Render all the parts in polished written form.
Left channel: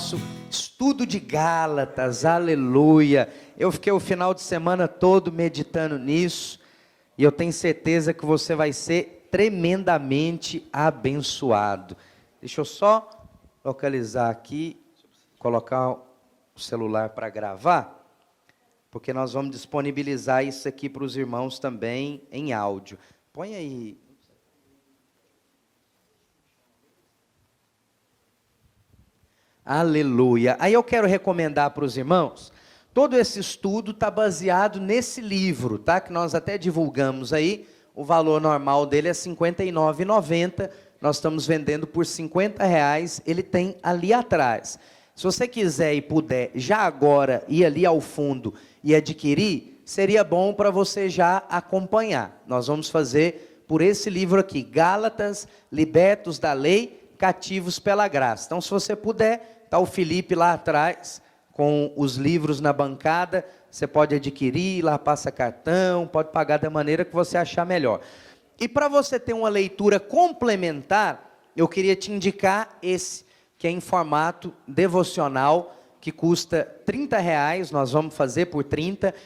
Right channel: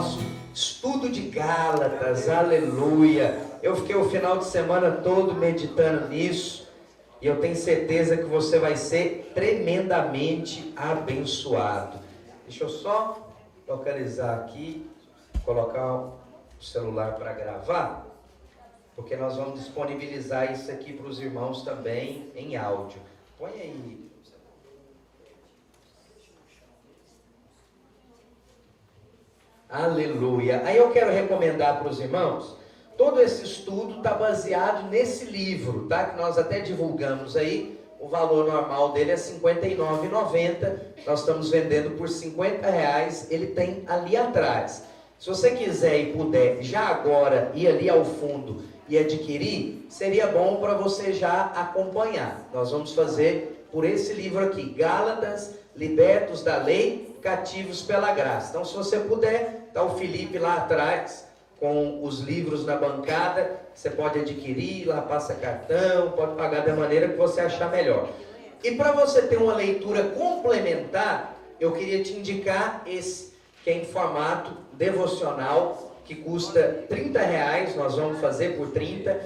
nosso estudo de Gálatas, aleluia. Eu fiquei o final de semana todo meditando nisso e eu tenho certeza que você vai ser tremendamente abençoado. Deixa eu só localizar aqui, colocar o celular para gravar, porque nós vamos disponibilizar isso aqui para os irmãos também em áudio. Põe aí. Aleluia. Aí eu quero recomendar para os irmãos, todo esse estudo está baseado nesse livro, tá? Que nós até divulgamos aí. O valor normal dele é R$ 59,90. Nós estamos vendendo por R$50. Ele tem ali atrás. Se você quiser e puder, já agora, ir ali ao fundo e adquirir, seria bom para você já acompanhar. Nós vamos fazer por esse livro aqui, Gálatas, Libertos da Lei, Cativos pela Graça. Então, se você puder, está o Felipe lá atrás, com os livros na bancada, você pode adquirir, lá passa cartão, pode pagar da maneira que você achar melhor. E para você ter uma leitura complementar, eu queria te indicar esse, que é em formato devocional, que custa R$30, nós vamos fazer por 30,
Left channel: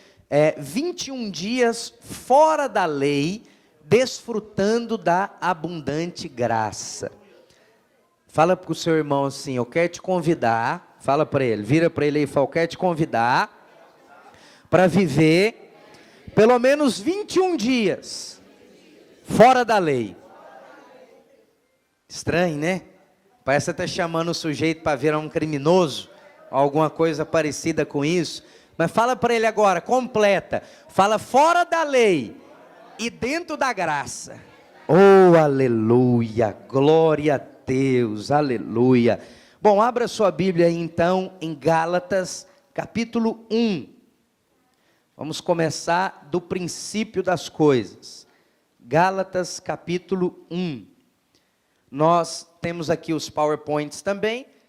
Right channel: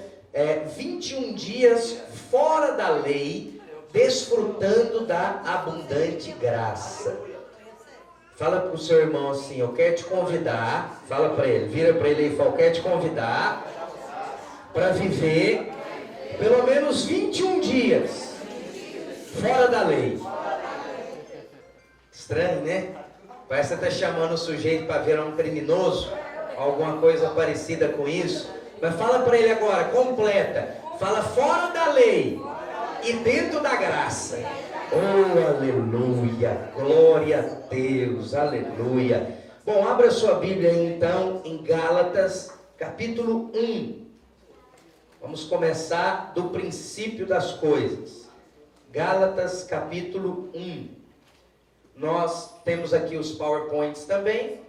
21 dias fora da lei, desfrutando da abundante graça. Fala para o seu irmão assim, eu quero te convidar, fala para ele, vira para ele e fala, eu quero te convidar para viver pelo menos 21 dias fora da lei. Estranho, né? Parece que está chamando o sujeito para virar um criminoso, alguma coisa parecida com isso. Mas fala para ele agora, completa. Fala fora da lei e dentro da graça. Oh, aleluia, glória a Deus, aleluia. Bom, abra sua Bíblia aí então em Gálatas, capítulo 1. Vamos começar do princípio das coisas. Gálatas, capítulo 1. Nós temos aqui os PowerPoints também.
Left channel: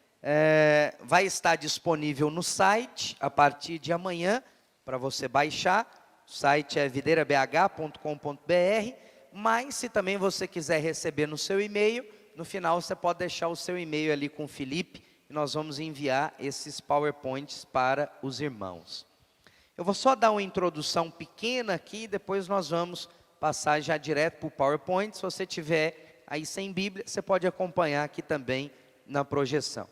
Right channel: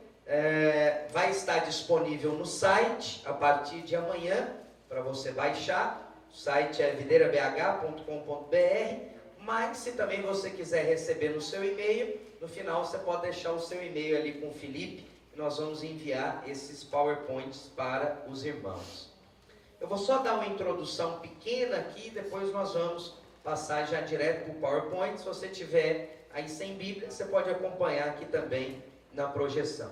Vai estar disponível no site a partir de amanhã para você baixar. O site é videirabh.com.br. Mas se também você quiser receber no seu e-mail, no final você pode deixar o seu e-mail ali com o Felipe e nós vamos enviar esses PowerPoints para os irmãos. Eu vou só dar uma introdução pequena aqui e depois nós vamos passar já direto para o PowerPoint. Se você tiver aí sem Bíblia, você pode acompanhar aqui também na projeção.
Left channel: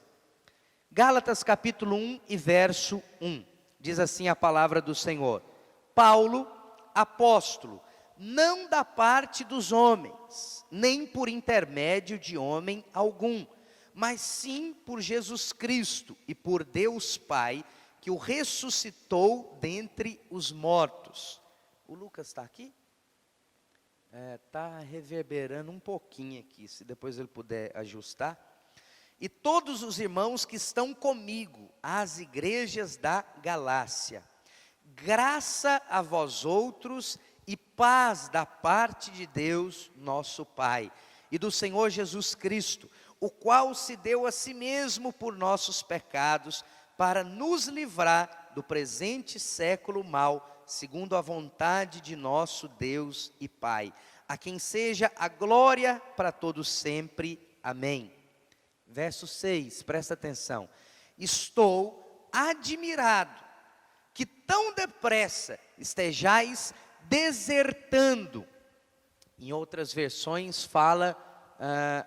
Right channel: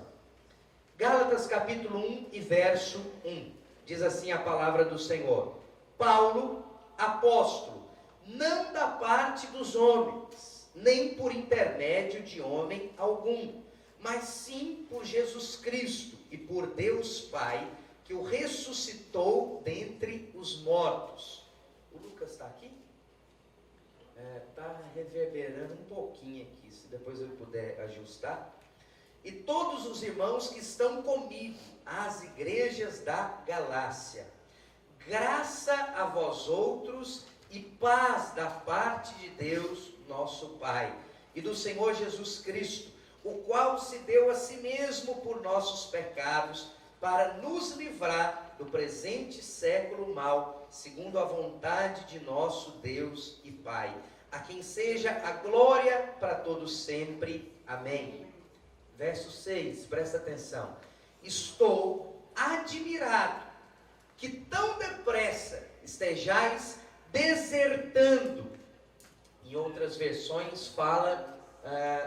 Gálatas capítulo 1 e verso 1. Diz assim a palavra do Senhor. Paulo, apóstolo, não da parte dos homens, nem por intermédio de homem algum, mas sim por Jesus Cristo e por Deus Pai, que o ressuscitou dentre os mortos. O Lucas está aqui? Está reverberando um pouquinho aqui, se depois ele puder ajustar. E todos os irmãos que estão comigo, as igrejas da Galácia, graça a vós outros e paz da parte de Deus, nosso Pai, e do Senhor Jesus Cristo, o qual se deu a si mesmo por nossos pecados, para nos livrar do presente século mau, segundo a vontade de nosso Deus e Pai, a quem seja a glória para todos sempre. Amém. Verso 6, presta atenção. Estou admirado que tão depressa estejais desertando. Em outras versões fala,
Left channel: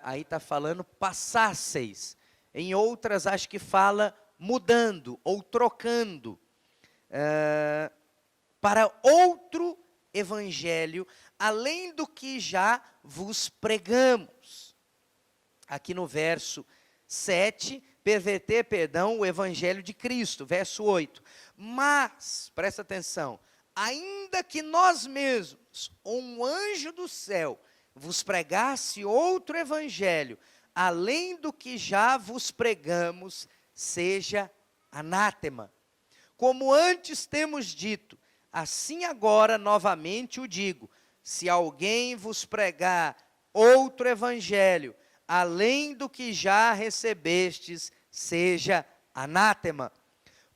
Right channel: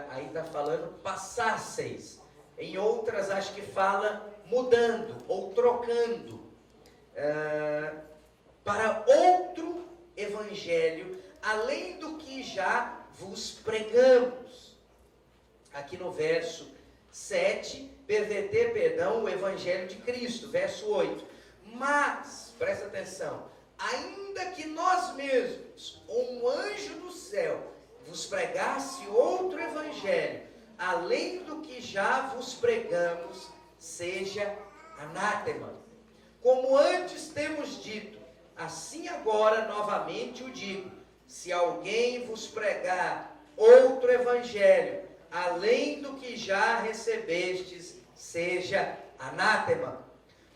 aí está falando passasseis. Em outras acho que fala mudando ou trocando para outro evangelho, além do que já vos pregamos. Aqui no verso 7, perverter, o evangelho de Cristo. Verso 8. Mas, presta atenção, ainda que nós mesmos, ou um anjo do céu, vos pregasse outro evangelho, além do que já vos pregamos, seja anátema. Como antes temos dito, assim agora novamente o digo, se alguém vos pregar outro evangelho, além do que já recebestes, seja anátema.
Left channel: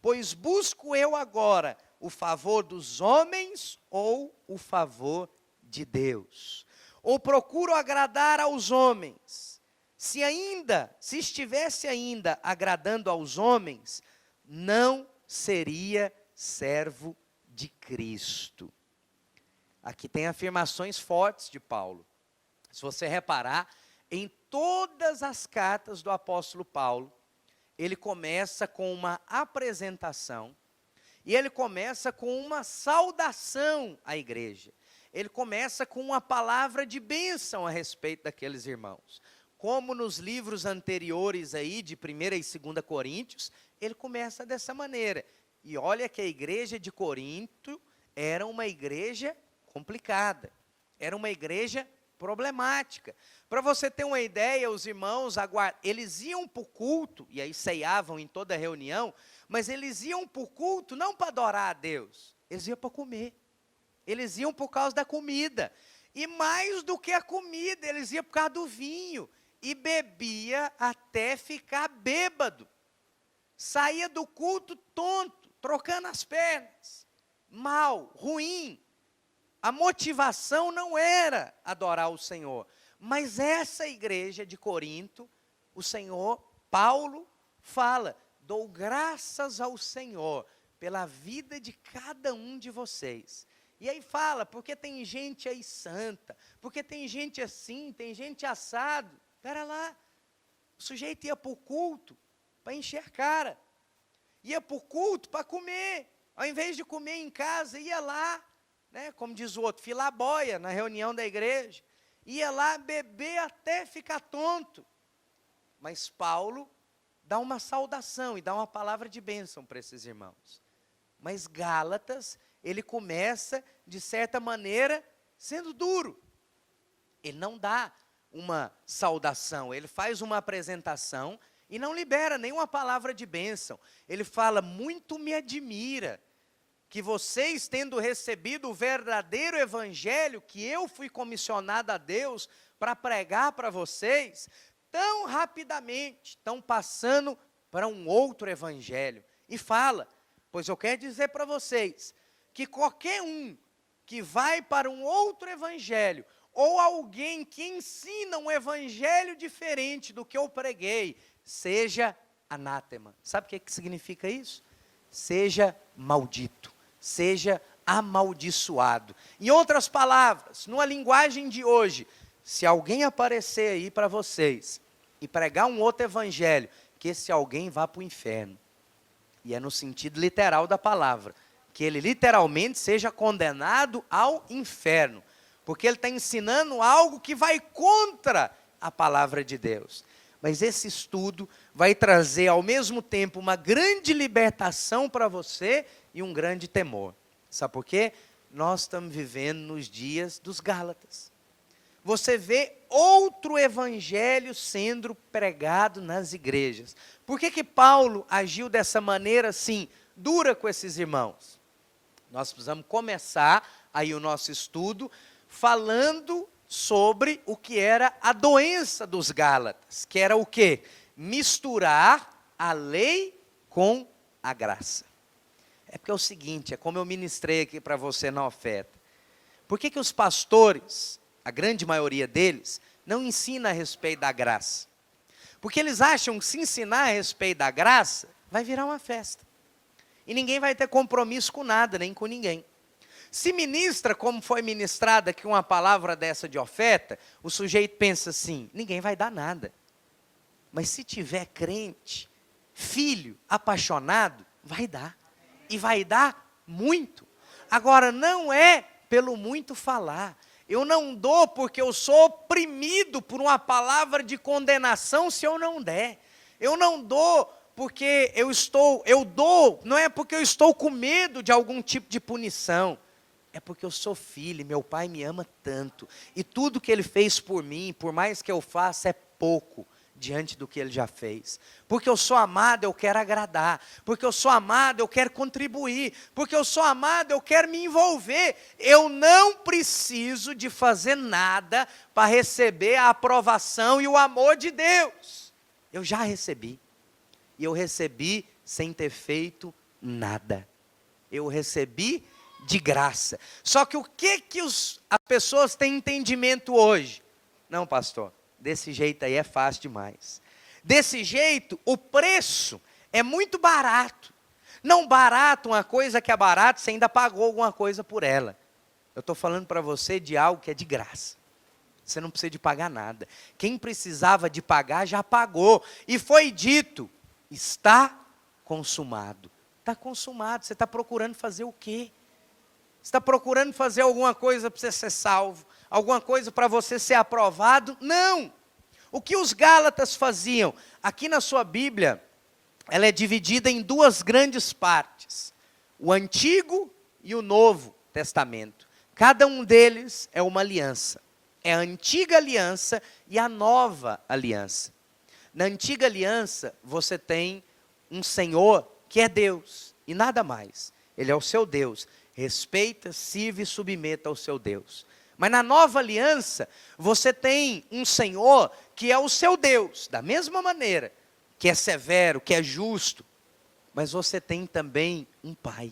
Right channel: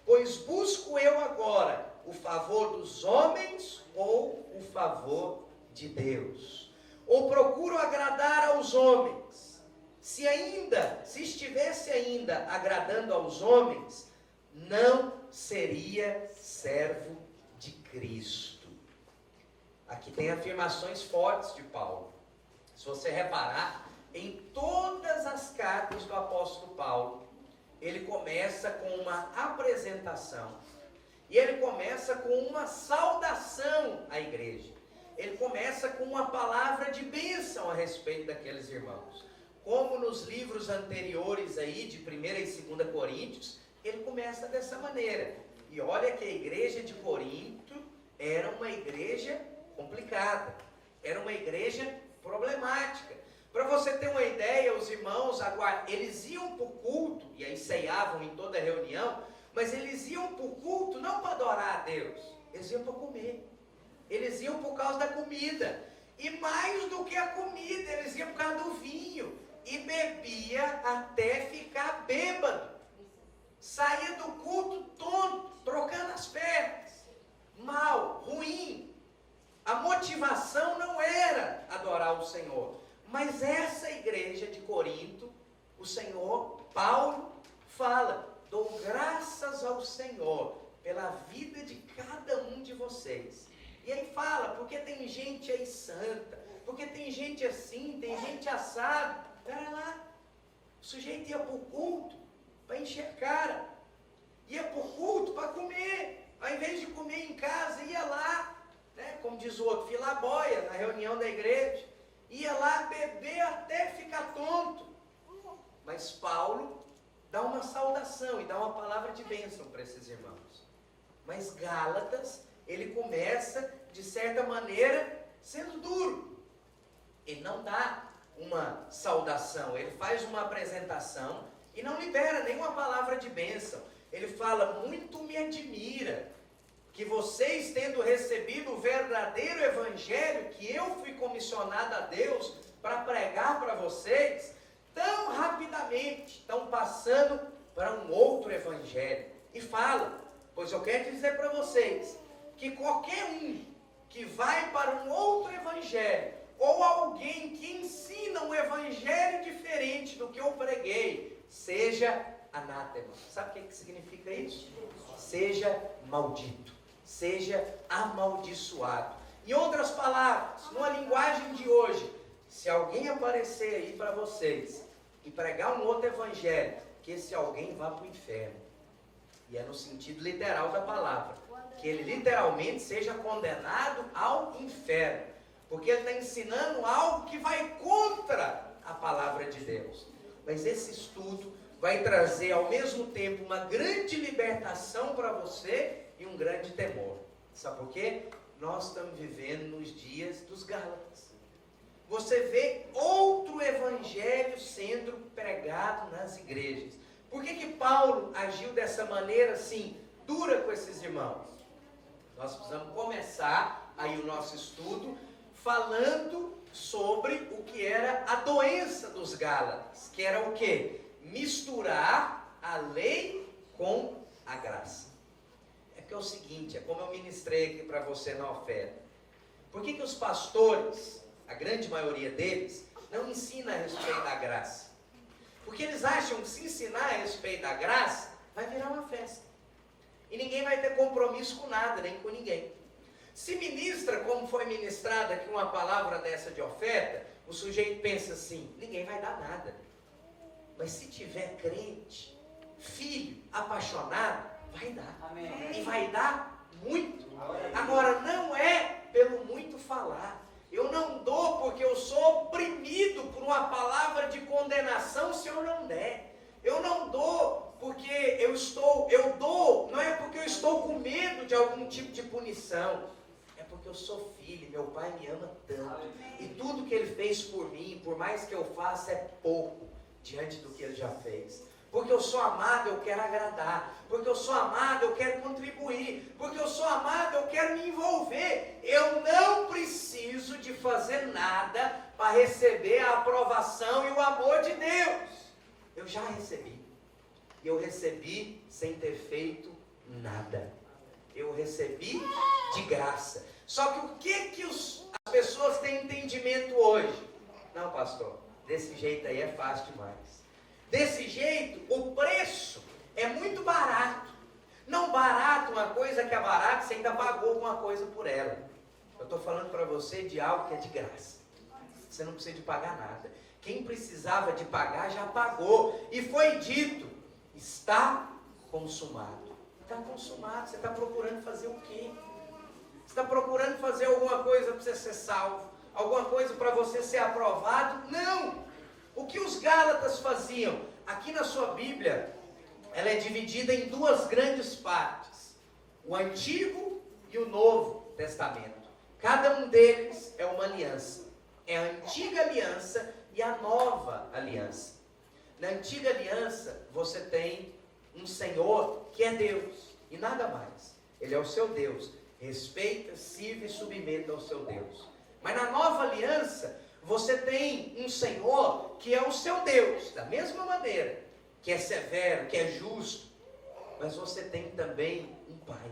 Pois busco eu agora o favor dos homens ou o favor de Deus? Ou procuro agradar aos homens? se estivesse ainda agradando aos homens, não seria servo de Cristo. Aqui tem afirmações fortes de Paulo. Se você reparar, em todas as cartas do apóstolo Paulo, ele começa com uma apresentação. E ele começa com uma saudação à igreja. Ele começa com uma palavra de bênção a respeito daqueles irmãos. Como nos livros anteriores aí, de 1ª e 2ª Coríntios, ele começa dessa maneira. E olha que a igreja de Corinto era uma igreja complicada. Era uma igreja problemática. Para você ter uma ideia, os irmãos, eles iam para o culto, e aí ceiavam em toda reunião, mas eles iam para o culto não para adorar a Deus, eles iam para comer. Eles iam por causa da comida. E mais do que a comida, eles iam por causa do vinho. E bebia até ficar bêbado. Saía do culto tonto, trocando as pernas. Mal, ruim. A motivação não era adorar o Senhor. Mas essa igreja de Corinto, o Senhor, Paulo, fala: dou graças ao Senhor pela vida de cada um de vocês. E aí fala, porque tem gente aí santa, porque tem gente assim, tem gente assado. Pera lá, o sujeito ia para o culto para encher cara, ia para o culto para comer, ao invés de comer em casa, ia lá, né, como diz o outro, filaboia na reunião da igreja, ia lá beber até ficar tonto. Mas Paulo dá uma saudação e dá uma palavra de bênção para esses irmãos. Mas Gálatas, ele começa, de certa maneira, sendo duro. Ele não dá uma saudação, ele faz uma apresentação e não libera nenhuma palavra de bênção. Ele fala: muito me admira que vocês, tendo recebido o verdadeiro evangelho que eu fui comissionado a Deus para pregar para vocês, tão rapidamente estão passando para um outro evangelho. E fala: pois eu quero dizer para vocês que qualquer um que vai para um outro evangelho, ou alguém que ensina um evangelho diferente do que eu preguei, seja anátema. Sabe o que significa isso? Seja maldito, seja amaldiçoado. Em outras palavras, numa linguagem de hoje, se alguém aparecer aí para vocês e pregar um outro evangelho, que esse alguém vá para o inferno. E é no sentido literal da palavra, que ele literalmente seja condenado ao inferno, porque ele está ensinando algo que vai contra a palavra de Deus. Mas esse estudo vai trazer ao mesmo tempo uma grande libertação para você e um grande temor. Sabe por quê? Nós estamos vivendo nos dias dos Gálatas. Você vê outro evangelho sendo pregado nas igrejas. Por que Paulo agiu dessa maneira assim, dura com esses irmãos? Nós precisamos começar aí o nosso estudo falando sobre o que era a doença dos Gálatas, que era o quê? Misturar a lei com a graça. É porque é o seguinte, é como eu ministrei aqui para você na oferta. Por que os pastores, a grande maioria deles, não ensina a respeito da graça? Porque eles acham que se ensinar a respeito da graça, vai virar uma festa. E ninguém vai ter compromisso com nada, nem com ninguém. Se ministra como foi ministrada aqui uma palavra dessa de oferta, o sujeito pensa assim: ninguém vai dar nada. Mas se tiver crente, filho, apaixonado, vai dar. Amém. E vai dar muito. Agora, não é pelo muito falar. Eu não dou porque eu sou oprimido por uma palavra de condenação se eu não der. Eu não dou porque eu dou, não é porque eu estou com medo de algum tipo de punição. É porque eu sou filho e meu pai me ama tanto. E tudo que ele fez por mim, por mais que eu faça, é pouco diante do que ele já fez. Porque eu sou amado, eu quero agradar. Porque eu sou amado, eu quero contribuir. Porque eu sou amado, eu quero me envolver. Eu não preciso de fazer nada para receber a aprovação e o amor de Deus. Eu já recebi. E eu recebi sem ter feito nada. Eu recebi de graça. Só que o que as pessoas têm entendimento hoje? Não, pastor, Desse jeito aí é fácil demais. Desse jeito, o preço é muito barato. Não barato, uma coisa que é barata, você ainda pagou alguma coisa por ela. Eu estou falando para você de algo que é de graça. Você não precisa de pagar nada. Quem precisava de pagar já pagou. E foi dito, está consumado. Está consumado. Você está procurando fazer o quê? Você está procurando fazer alguma coisa para você ser salvo? Alguma coisa para você ser aprovado? Não! O que os Gálatas faziam? Aqui na sua Bíblia, ela é dividida em duas grandes partes. O Antigo e o Novo Testamento. Cada um deles é uma aliança. É a antiga aliança e a nova aliança. Na antiga aliança, você tem um Senhor que é Deus e nada mais. Ele é o seu Deus. Respeita, sirva e submeta ao seu Deus. Mas na nova aliança, você tem um Senhor que é o seu Deus, da mesma maneira, que é severo, que é justo. Mas você tem também um Pai.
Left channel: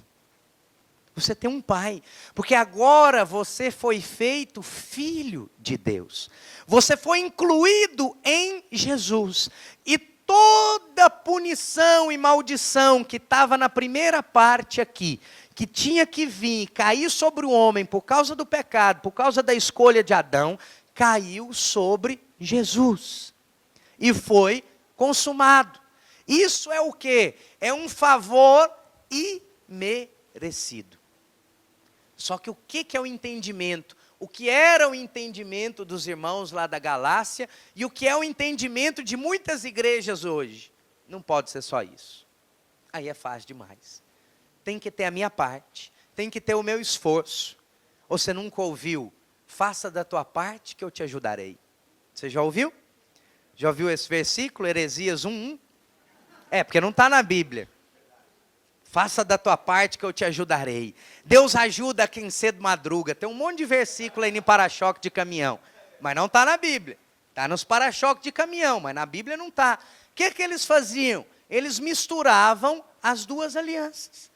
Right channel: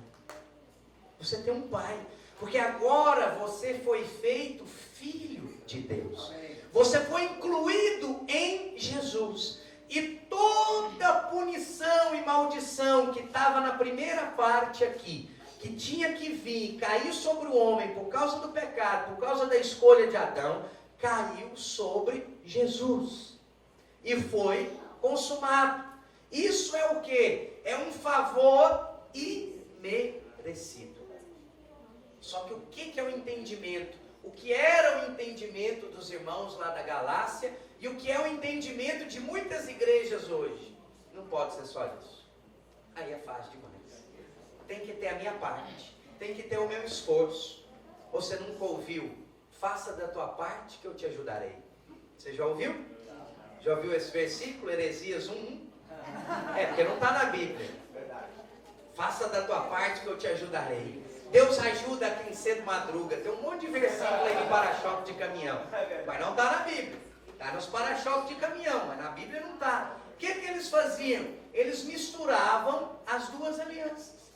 Você tem um Pai, porque agora você foi feito filho de Deus. Você foi incluído em Jesus. E toda punição e maldição que estava na primeira parte aqui, que tinha que vir, cair sobre o homem por causa do pecado, por causa da escolha de Adão, caiu sobre Jesus. E foi consumado. Isso é o quê? É um favor imerecido. Só que o que é o entendimento? O que era o entendimento dos irmãos lá da Galácia e o que é o entendimento de muitas igrejas hoje? Não pode ser só isso. Aí é fácil demais. Tem que ter a minha parte, tem que ter o meu esforço. Você nunca ouviu? Faça da tua parte que eu te ajudarei. Você já ouviu? Já ouviu esse versículo, Heresias 1:1? É, porque não está na Bíblia. Faça da tua parte que eu te ajudarei. Deus ajuda quem cedo madruga. Tem um monte de versículo aí no para-choque de caminhão. Mas não está na Bíblia. Está nos para-choques de caminhão, mas na Bíblia não está. O que eles faziam? Eles misturavam as duas alianças.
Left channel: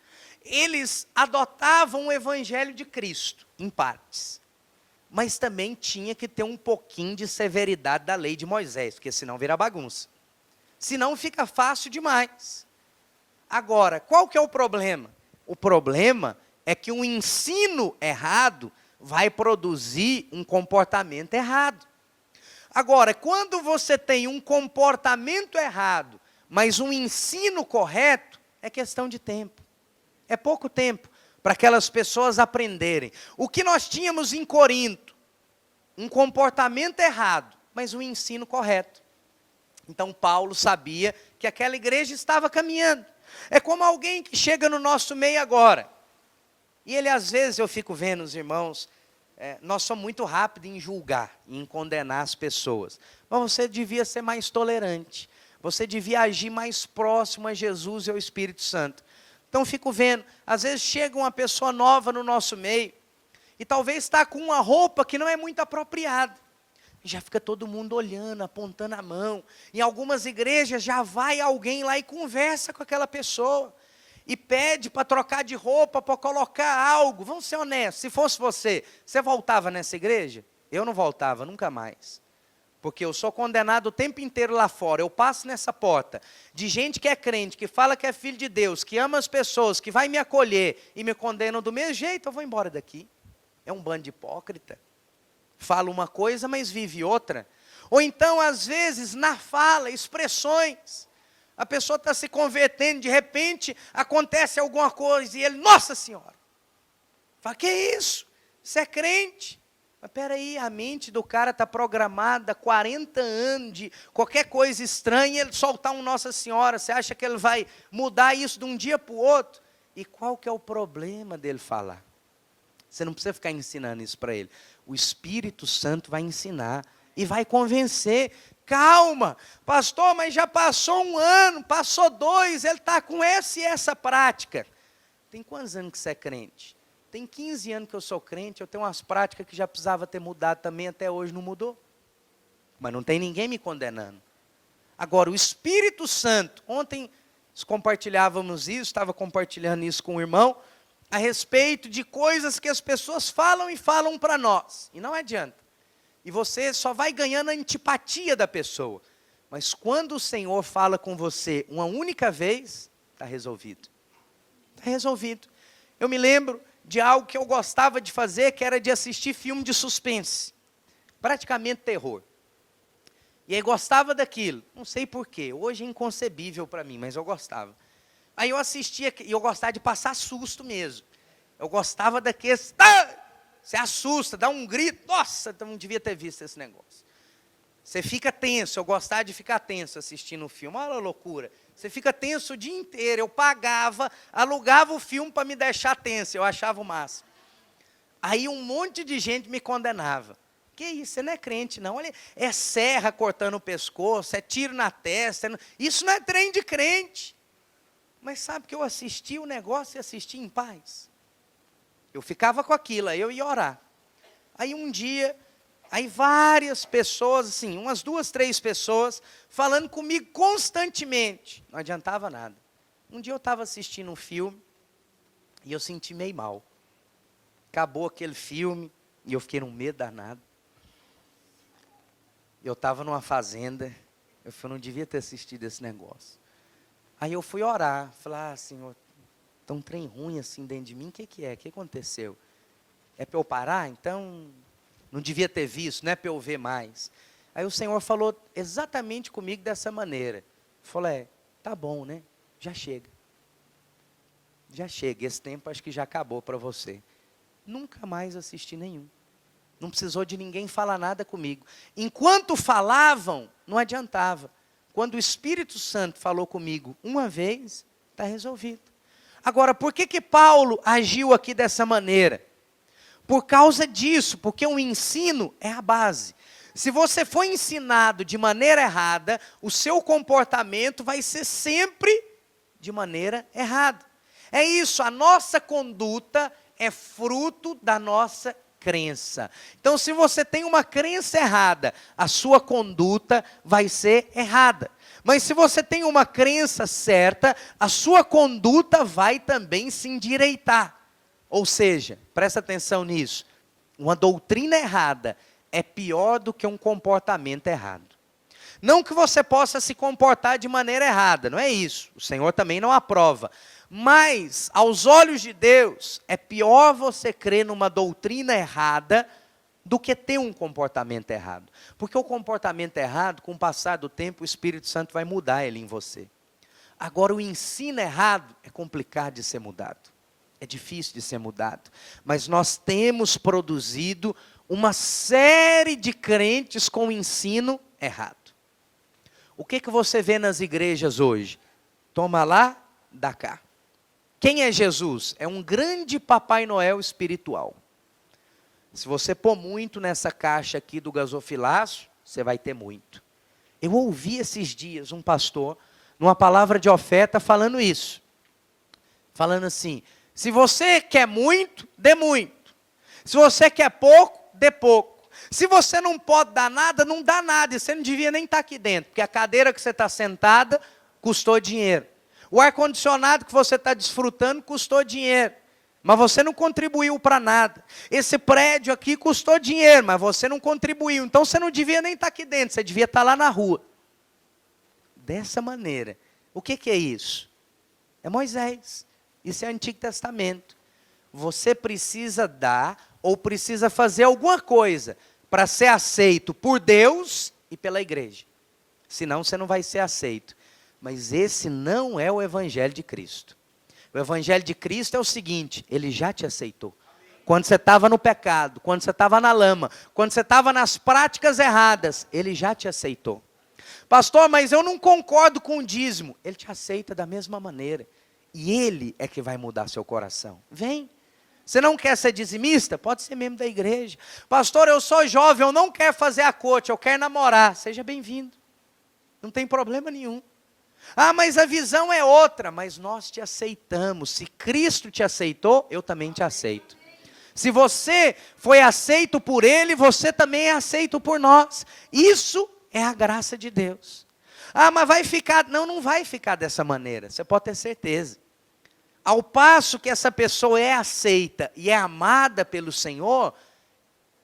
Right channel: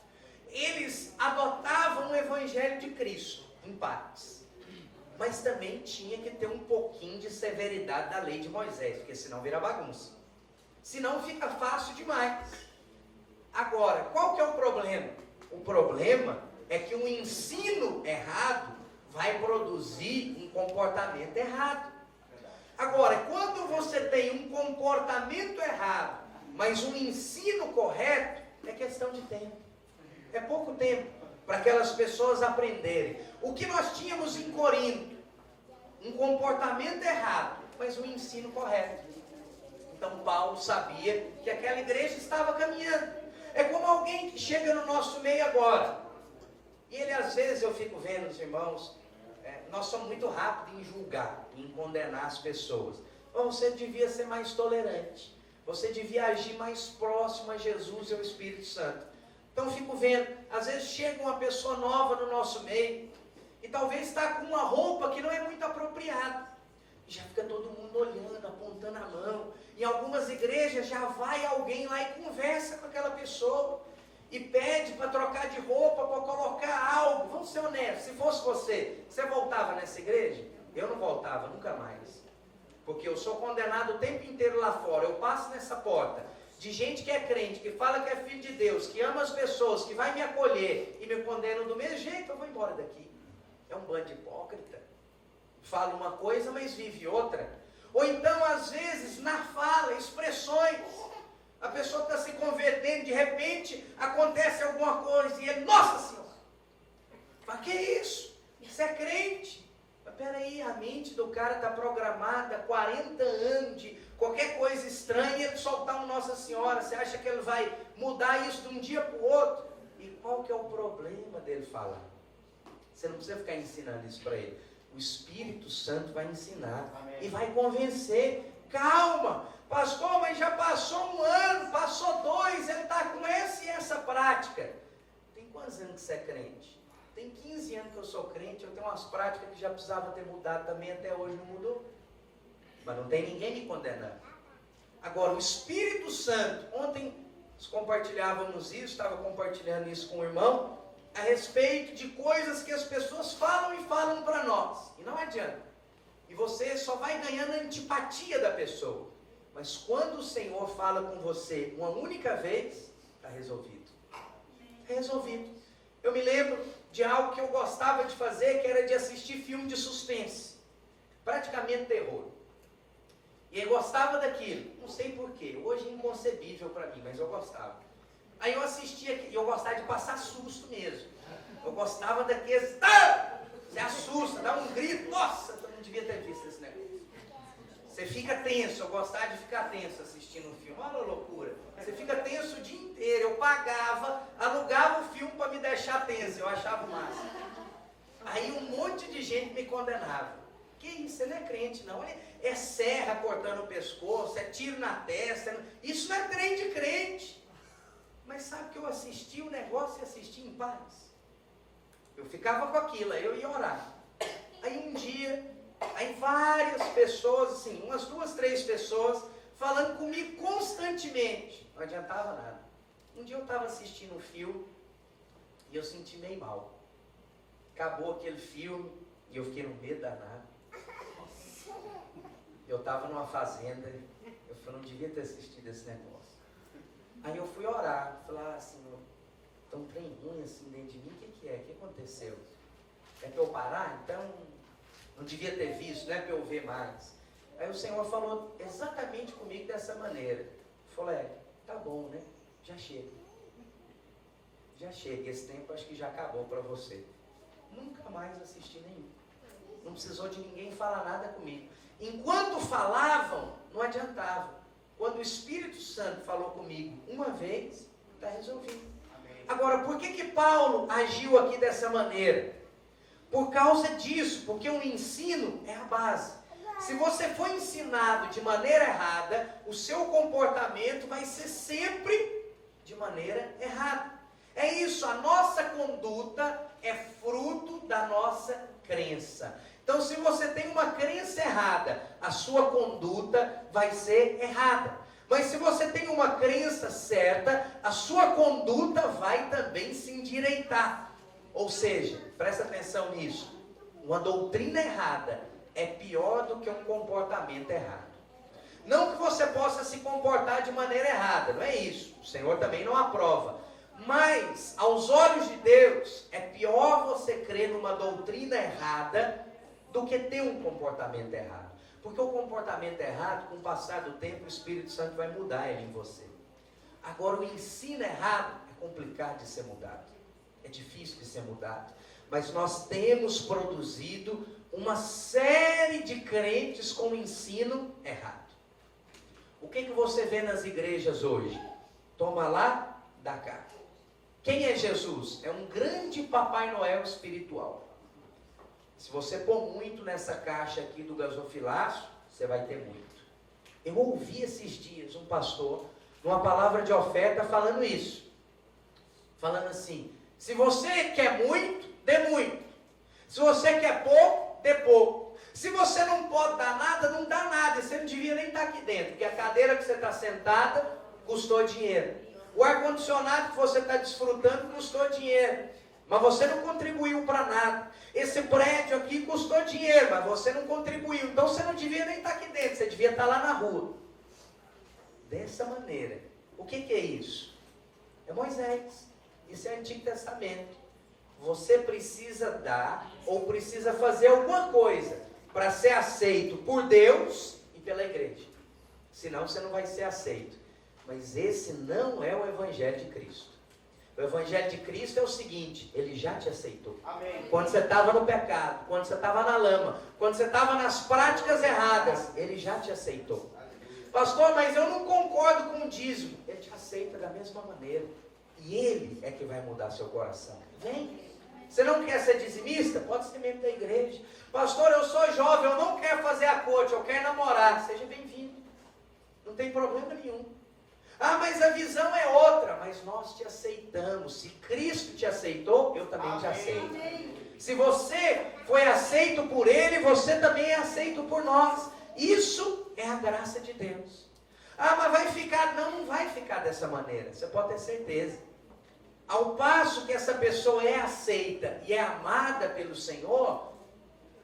Eles adotavam o evangelho de Cristo, em partes. Mas também tinha que ter um pouquinho de severidade da lei de Moisés, porque senão vira bagunça. Senão fica fácil demais. Agora, qual que é o problema? O problema é que um ensino errado vai produzir um comportamento errado. Agora, quando você tem um comportamento errado, mas um ensino correto, é questão de tempo. É pouco tempo para aquelas pessoas aprenderem. O que nós tínhamos em Corinto? Um comportamento errado, mas um ensino correto. Então Paulo sabia que aquela igreja estava caminhando. É como alguém que chega no nosso meio agora. E ele, às vezes, eu fico vendo os irmãos, nós somos muito rápidos em julgar, em condenar as pessoas. Mas você devia ser mais tolerante. Você devia agir mais próximo a Jesus e ao Espírito Santo. Então, fico vendo, às vezes chega uma pessoa nova no nosso meio, e talvez está com uma roupa que não é muito apropriada. E já fica todo mundo olhando, apontando a mão. Em algumas igrejas já vai alguém lá e conversa com aquela pessoa. E pede para trocar de roupa, para colocar algo. Vamos ser honestos, se fosse você voltava nessa igreja? Eu não voltava, nunca mais. Porque eu sou condenado o tempo inteiro lá fora. Eu passo nessa porta de gente que é crente, que fala que é filho de Deus, que ama as pessoas, que vai me acolher e me condenam do mesmo jeito, eu vou embora daqui. É um bando de hipócrita. Fala uma coisa, mas vive outra. Ou então, às vezes, na fala, expressões. A pessoa está se convertendo, de repente, acontece alguma coisa, e ele, nossa senhora! Fala, que é isso? Isso é crente. Mas peraí, a mente do cara está programada há 40 anos de qualquer coisa estranha, ele soltar um Nossa Senhora. Você acha que ele vai mudar isso de um dia para o outro? E qual que é o problema dele falar? Você não precisa ficar ensinando isso para ele. O Espírito Santo vai ensinar e vai convencer. Calma, pastor, mas já passou 1 ano, passou 2, ele está com essa e essa prática. Tem quantos anos que você é crente? Tem 15 anos que eu sou crente, eu tenho umas práticas que já precisava ter mudado também, até hoje não mudou. Mas não tem ninguém me condenando. Agora, o Espírito Santo, ontem compartilhávamos isso, estava compartilhando isso com o irmão, a respeito de coisas que as pessoas falam e falam para nós. E não adianta. E você só vai ganhando a antipatia da pessoa. Mas quando o Senhor fala com você uma única vez, está resolvido. Está resolvido. Eu me lembro de algo que eu gostava de fazer, que era de assistir filme de suspense. Praticamente terror. E aí gostava daquilo. Não sei porquê. Hoje é inconcebível para mim, mas eu gostava. Aí eu assistia, e eu gostava de passar susto mesmo. Eu gostava daqueles... Você assusta, dá um grito. Nossa, eu não devia ter visto esse negócio. Você fica tenso. Eu gostava de ficar tenso assistindo um filme. Olha a loucura. Você fica tenso o dia inteiro. Eu pagava, alugava o filme para me deixar tenso. Eu achava o máximo. Aí um monte de gente me condenava. Que isso? Você não é crente, não. Olha, é serra cortando o pescoço, é tiro na testa. Isso não é trem de crente. Mas sabe que eu assisti o negócio e assisti em paz? Eu ficava com aquilo, aí eu ia orar. Aí um dia, aí várias pessoas, assim, umas 2, 3 pessoas, falando comigo constantemente. Não adiantava nada. Um dia eu estava assistindo um filme e eu senti meio mal. Acabou aquele filme e eu fiquei num medo danado. Eu estava numa fazenda, eu não devia ter assistido esse negócio. Aí eu fui orar, falei, Senhor, tá um trem ruim assim dentro de mim, o que é? O que aconteceu? É para eu parar? Então, não devia ter visto, não é para eu ver mais. Aí o Senhor falou exatamente comigo dessa maneira. Falou, tá bom, né? Já chega. Já chega, esse tempo acho que já acabou para você. Nunca mais assisti nenhum. Não precisou de ninguém falar nada comigo. Enquanto falavam, não adiantava. Quando o Espírito Santo falou comigo uma vez, está resolvido. Agora, por que Paulo agiu aqui dessa maneira? Por causa disso, porque o ensino é a base. Se você for ensinado de maneira errada, o seu comportamento vai ser sempre de maneira errada. É isso, a nossa conduta é fruto da nossa crença. Então, se você tem uma crença errada, a sua conduta vai ser errada. Mas se você tem uma crença certa, a sua conduta vai também se endireitar. Ou seja, presta atenção nisso, uma doutrina errada é pior do que um comportamento errado. Não que você possa se comportar de maneira errada, não é isso. O Senhor também não aprova. Mas, aos olhos de Deus, é pior você crer numa doutrina errada do que ter um comportamento errado. Porque o comportamento errado, com o passar do tempo, o Espírito Santo vai mudar ele em você. Agora, o ensino errado é complicado de ser mudado. É difícil de ser mudado. Mas nós temos produzido uma série de crentes com ensino errado. O que você vê nas igrejas hoje? Toma lá, dá cá. Quem é Jesus? É um grande Papai Noel espiritual. Se você pôr muito nessa caixa aqui do gasofilaço, você vai ter muito. Eu ouvi esses dias um pastor, numa palavra de oferta, falando isso. Falando assim, se você quer muito, dê muito. Se você quer pouco, dê pouco. Se você não pode dar nada, não dá nada. E você não devia nem estar aqui dentro, porque a cadeira que você está sentada custou dinheiro. O ar-condicionado que você está desfrutando custou dinheiro, mas você não contribuiu para nada. Esse prédio aqui custou dinheiro, mas você não contribuiu. Então você não devia nem estar aqui dentro, você devia estar lá na rua. Dessa maneira. O que é isso? É Moisés. Isso é o Antigo Testamento. Você precisa dar ou precisa fazer alguma coisa para ser aceito por Deus e pela igreja. Senão você não vai ser aceito. Mas esse não é o Evangelho de Cristo. O Evangelho de Cristo é o seguinte, ele já te aceitou. Amém. Quando você estava no pecado, quando você estava na lama, quando você estava nas práticas erradas, ele já te aceitou. Pastor, mas eu não concordo com o dízimo. Ele te aceita da mesma maneira. E ele é que vai mudar seu coração. Vem. Você não quer ser dizimista? Pode ser membro da igreja. Pastor, eu sou jovem, eu não quero fazer a corte, eu quero namorar. Seja bem-vindo. Não tem problema nenhum. Ah, mas a visão é outra. Mas nós te aceitamos. Se Cristo te aceitou, eu também te aceito. Se você foi aceito por Ele, você também é aceito por nós. Isso é a graça de Deus. Ah, mas vai ficar... Não, não vai ficar dessa maneira. Você pode ter certeza. Ao passo que essa pessoa é aceita e é amada pelo Senhor,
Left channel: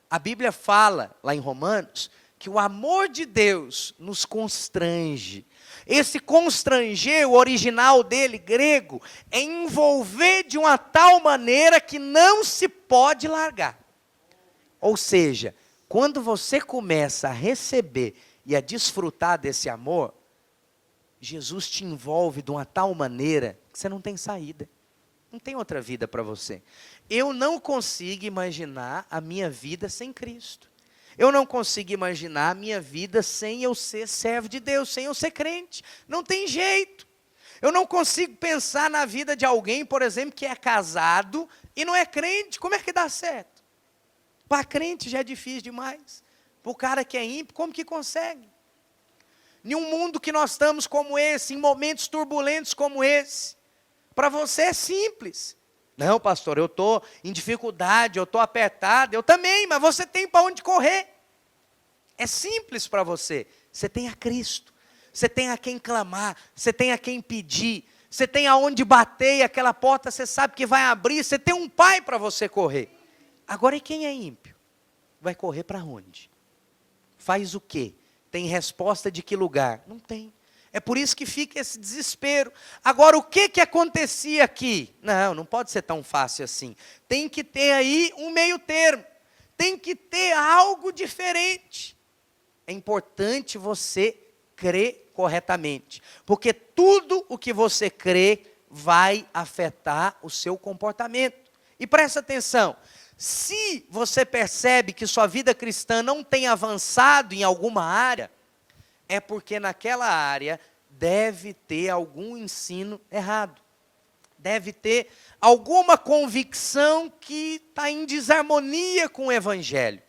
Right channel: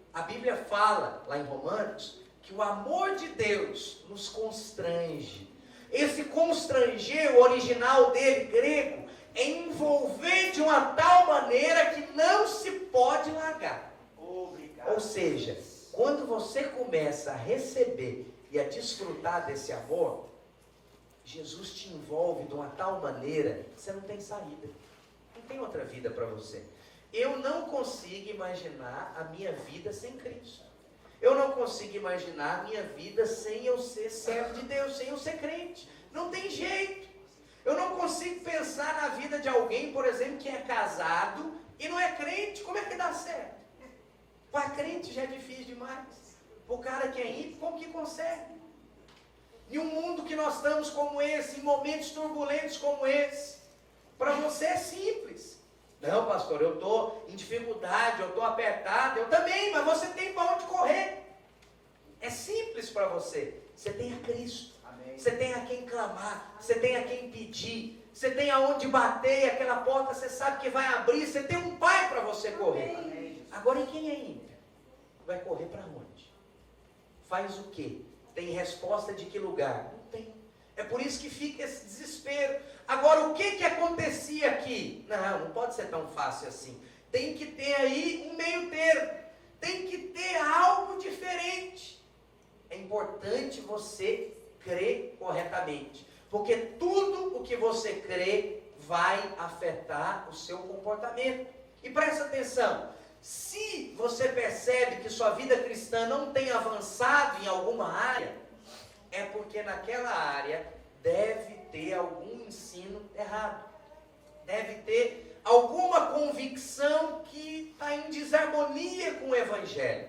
A Bíblia fala, lá em Romanos, que o amor de Deus nos constrange. Esse constranger, o original dele, grego, é envolver de uma tal maneira que não se pode largar. Ou seja, quando você começa a receber e a desfrutar desse amor, Jesus te envolve de uma tal maneira que você não tem saída. Não tem outra vida para você. Eu não consigo imaginar a minha vida sem Cristo. Eu não consigo imaginar a minha vida sem eu ser servo de Deus, sem eu ser crente. Não tem jeito. Eu não consigo pensar na vida de alguém, por exemplo, que é casado e não é crente. Como é que dá certo? Para crente já é difícil demais. Para o cara que é ímpio, como que consegue? Em um mundo que nós estamos como esse, em momentos turbulentos como esse, para você é simples. Não, pastor, eu estou em dificuldade, eu estou apertado. Eu também, mas você tem para onde correr. É simples para você. Você tem a Cristo. Amém. Você tem a quem clamar. Você tem a quem pedir. Você tem aonde bater e aquela porta você sabe que vai abrir. Você tem um pai para você correr. Amém. Agora, e quem é ímpio? Vai correr para onde? Faz o quê? Tem resposta de que lugar? Não tem. É por isso que fica esse desespero. Agora, o que acontecia aqui? Não pode ser tão fácil assim. Tem que ter aí um meio termo. Tem que ter algo diferente. É importante você crer corretamente. Porque tudo o que você crê vai afetar o seu comportamento. E presta atenção. Se você percebe que sua vida cristã não tem avançado em alguma área, é porque naquela área deve ter algum ensino errado. Deve ter alguma convicção que está em desarmonia com o Evangelho.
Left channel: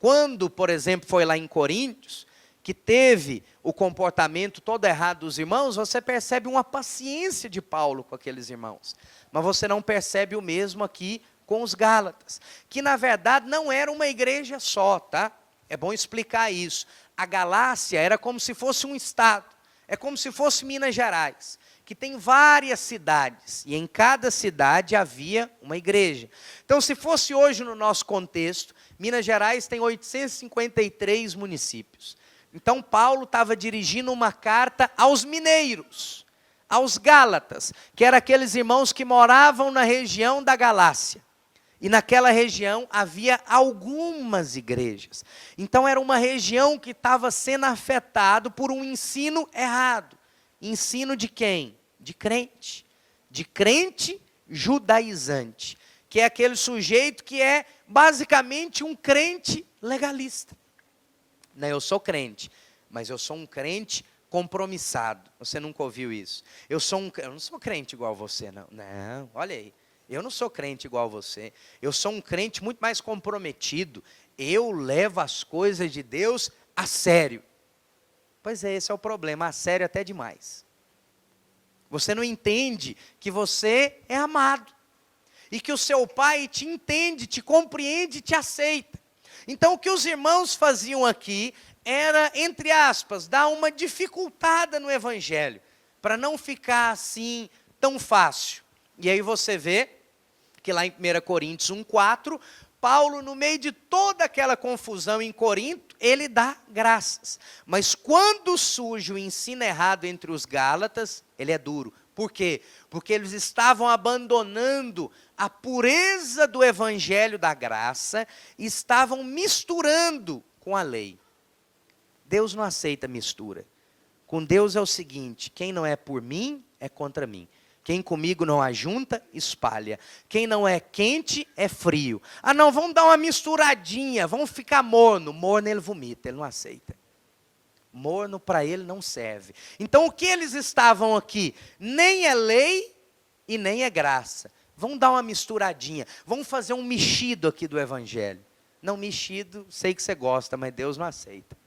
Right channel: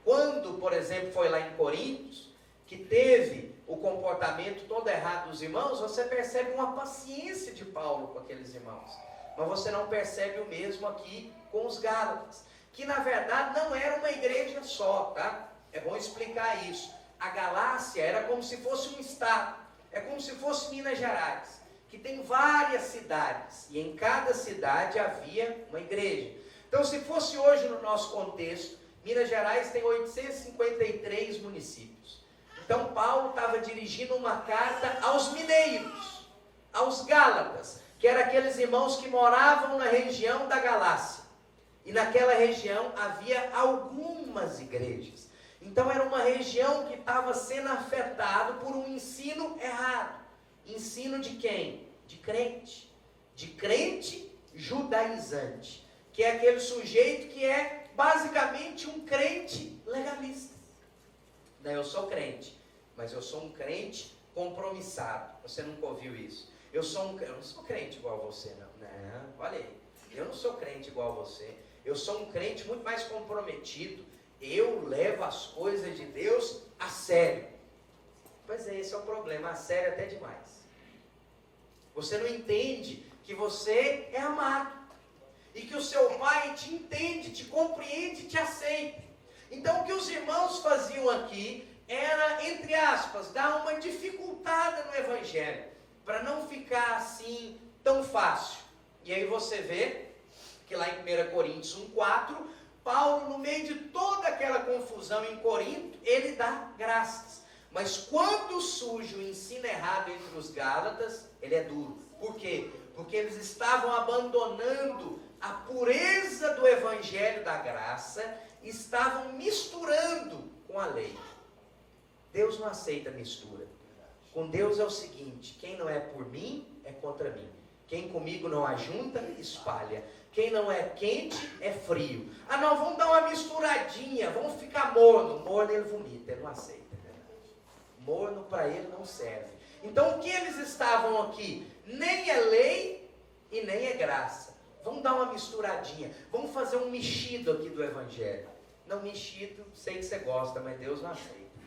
Quando, por exemplo, foi lá em Coríntios, que teve o comportamento todo errado dos irmãos, você percebe uma paciência de Paulo com aqueles irmãos. Mas você não percebe o mesmo aqui com os Gálatas, que na verdade não era uma igreja só, tá? É bom explicar isso. A Galácia era como se fosse um estado, é como se fosse Minas Gerais, que tem várias cidades, e em cada cidade havia uma igreja. Então, se fosse hoje no nosso contexto, Minas Gerais tem 853 municípios. Então, Paulo estava dirigindo uma carta aos mineiros, aos Gálatas, que eram aqueles irmãos que moravam na região da Galácia. E naquela região havia algumas igrejas. Então era uma região que estava sendo afetada por um ensino errado. Ensino de quem? De crente. De crente judaizante. Que é aquele sujeito que é basicamente um crente legalista. Não, eu sou crente, mas eu sou um crente compromissado. Você nunca ouviu isso? Eu não sou crente igual você, não. Não, olha aí. Eu não sou crente igual você. Eu sou um crente muito mais comprometido. Eu levo as coisas de Deus a sério. Pois é, esse é o problema, a sério até demais. Você não entende que você é amado. E que o seu pai te entende, te compreende, te aceita. Então o que os irmãos faziam aqui era, entre aspas, dar uma dificultada no evangelho. Para não ficar assim tão fácil. E aí você vê que lá em 1 Coríntios 1,4, Paulo, no meio de toda aquela confusão em Corinto, ele dá graças. Mas quando surge o ensino errado entre os Gálatas, ele é duro. Por quê? Porque eles estavam abandonando a pureza do evangelho da graça e estavam misturando com a lei. Deus não aceita mistura. Com Deus é o seguinte: quem não é por mim, é contra mim. Quem comigo não ajunta, espalha. Quem não é quente, é frio. Ah não, vamos dar uma misturadinha, vamos ficar morno. Morno ele vomita, ele não aceita. Morno para ele não serve. Então o que eles estavam aqui? Nem é lei e nem é graça. Vamos dar uma misturadinha, vamos fazer um mexido aqui do evangelho. Não, mexido, sei que você gosta, mas Deus não aceita.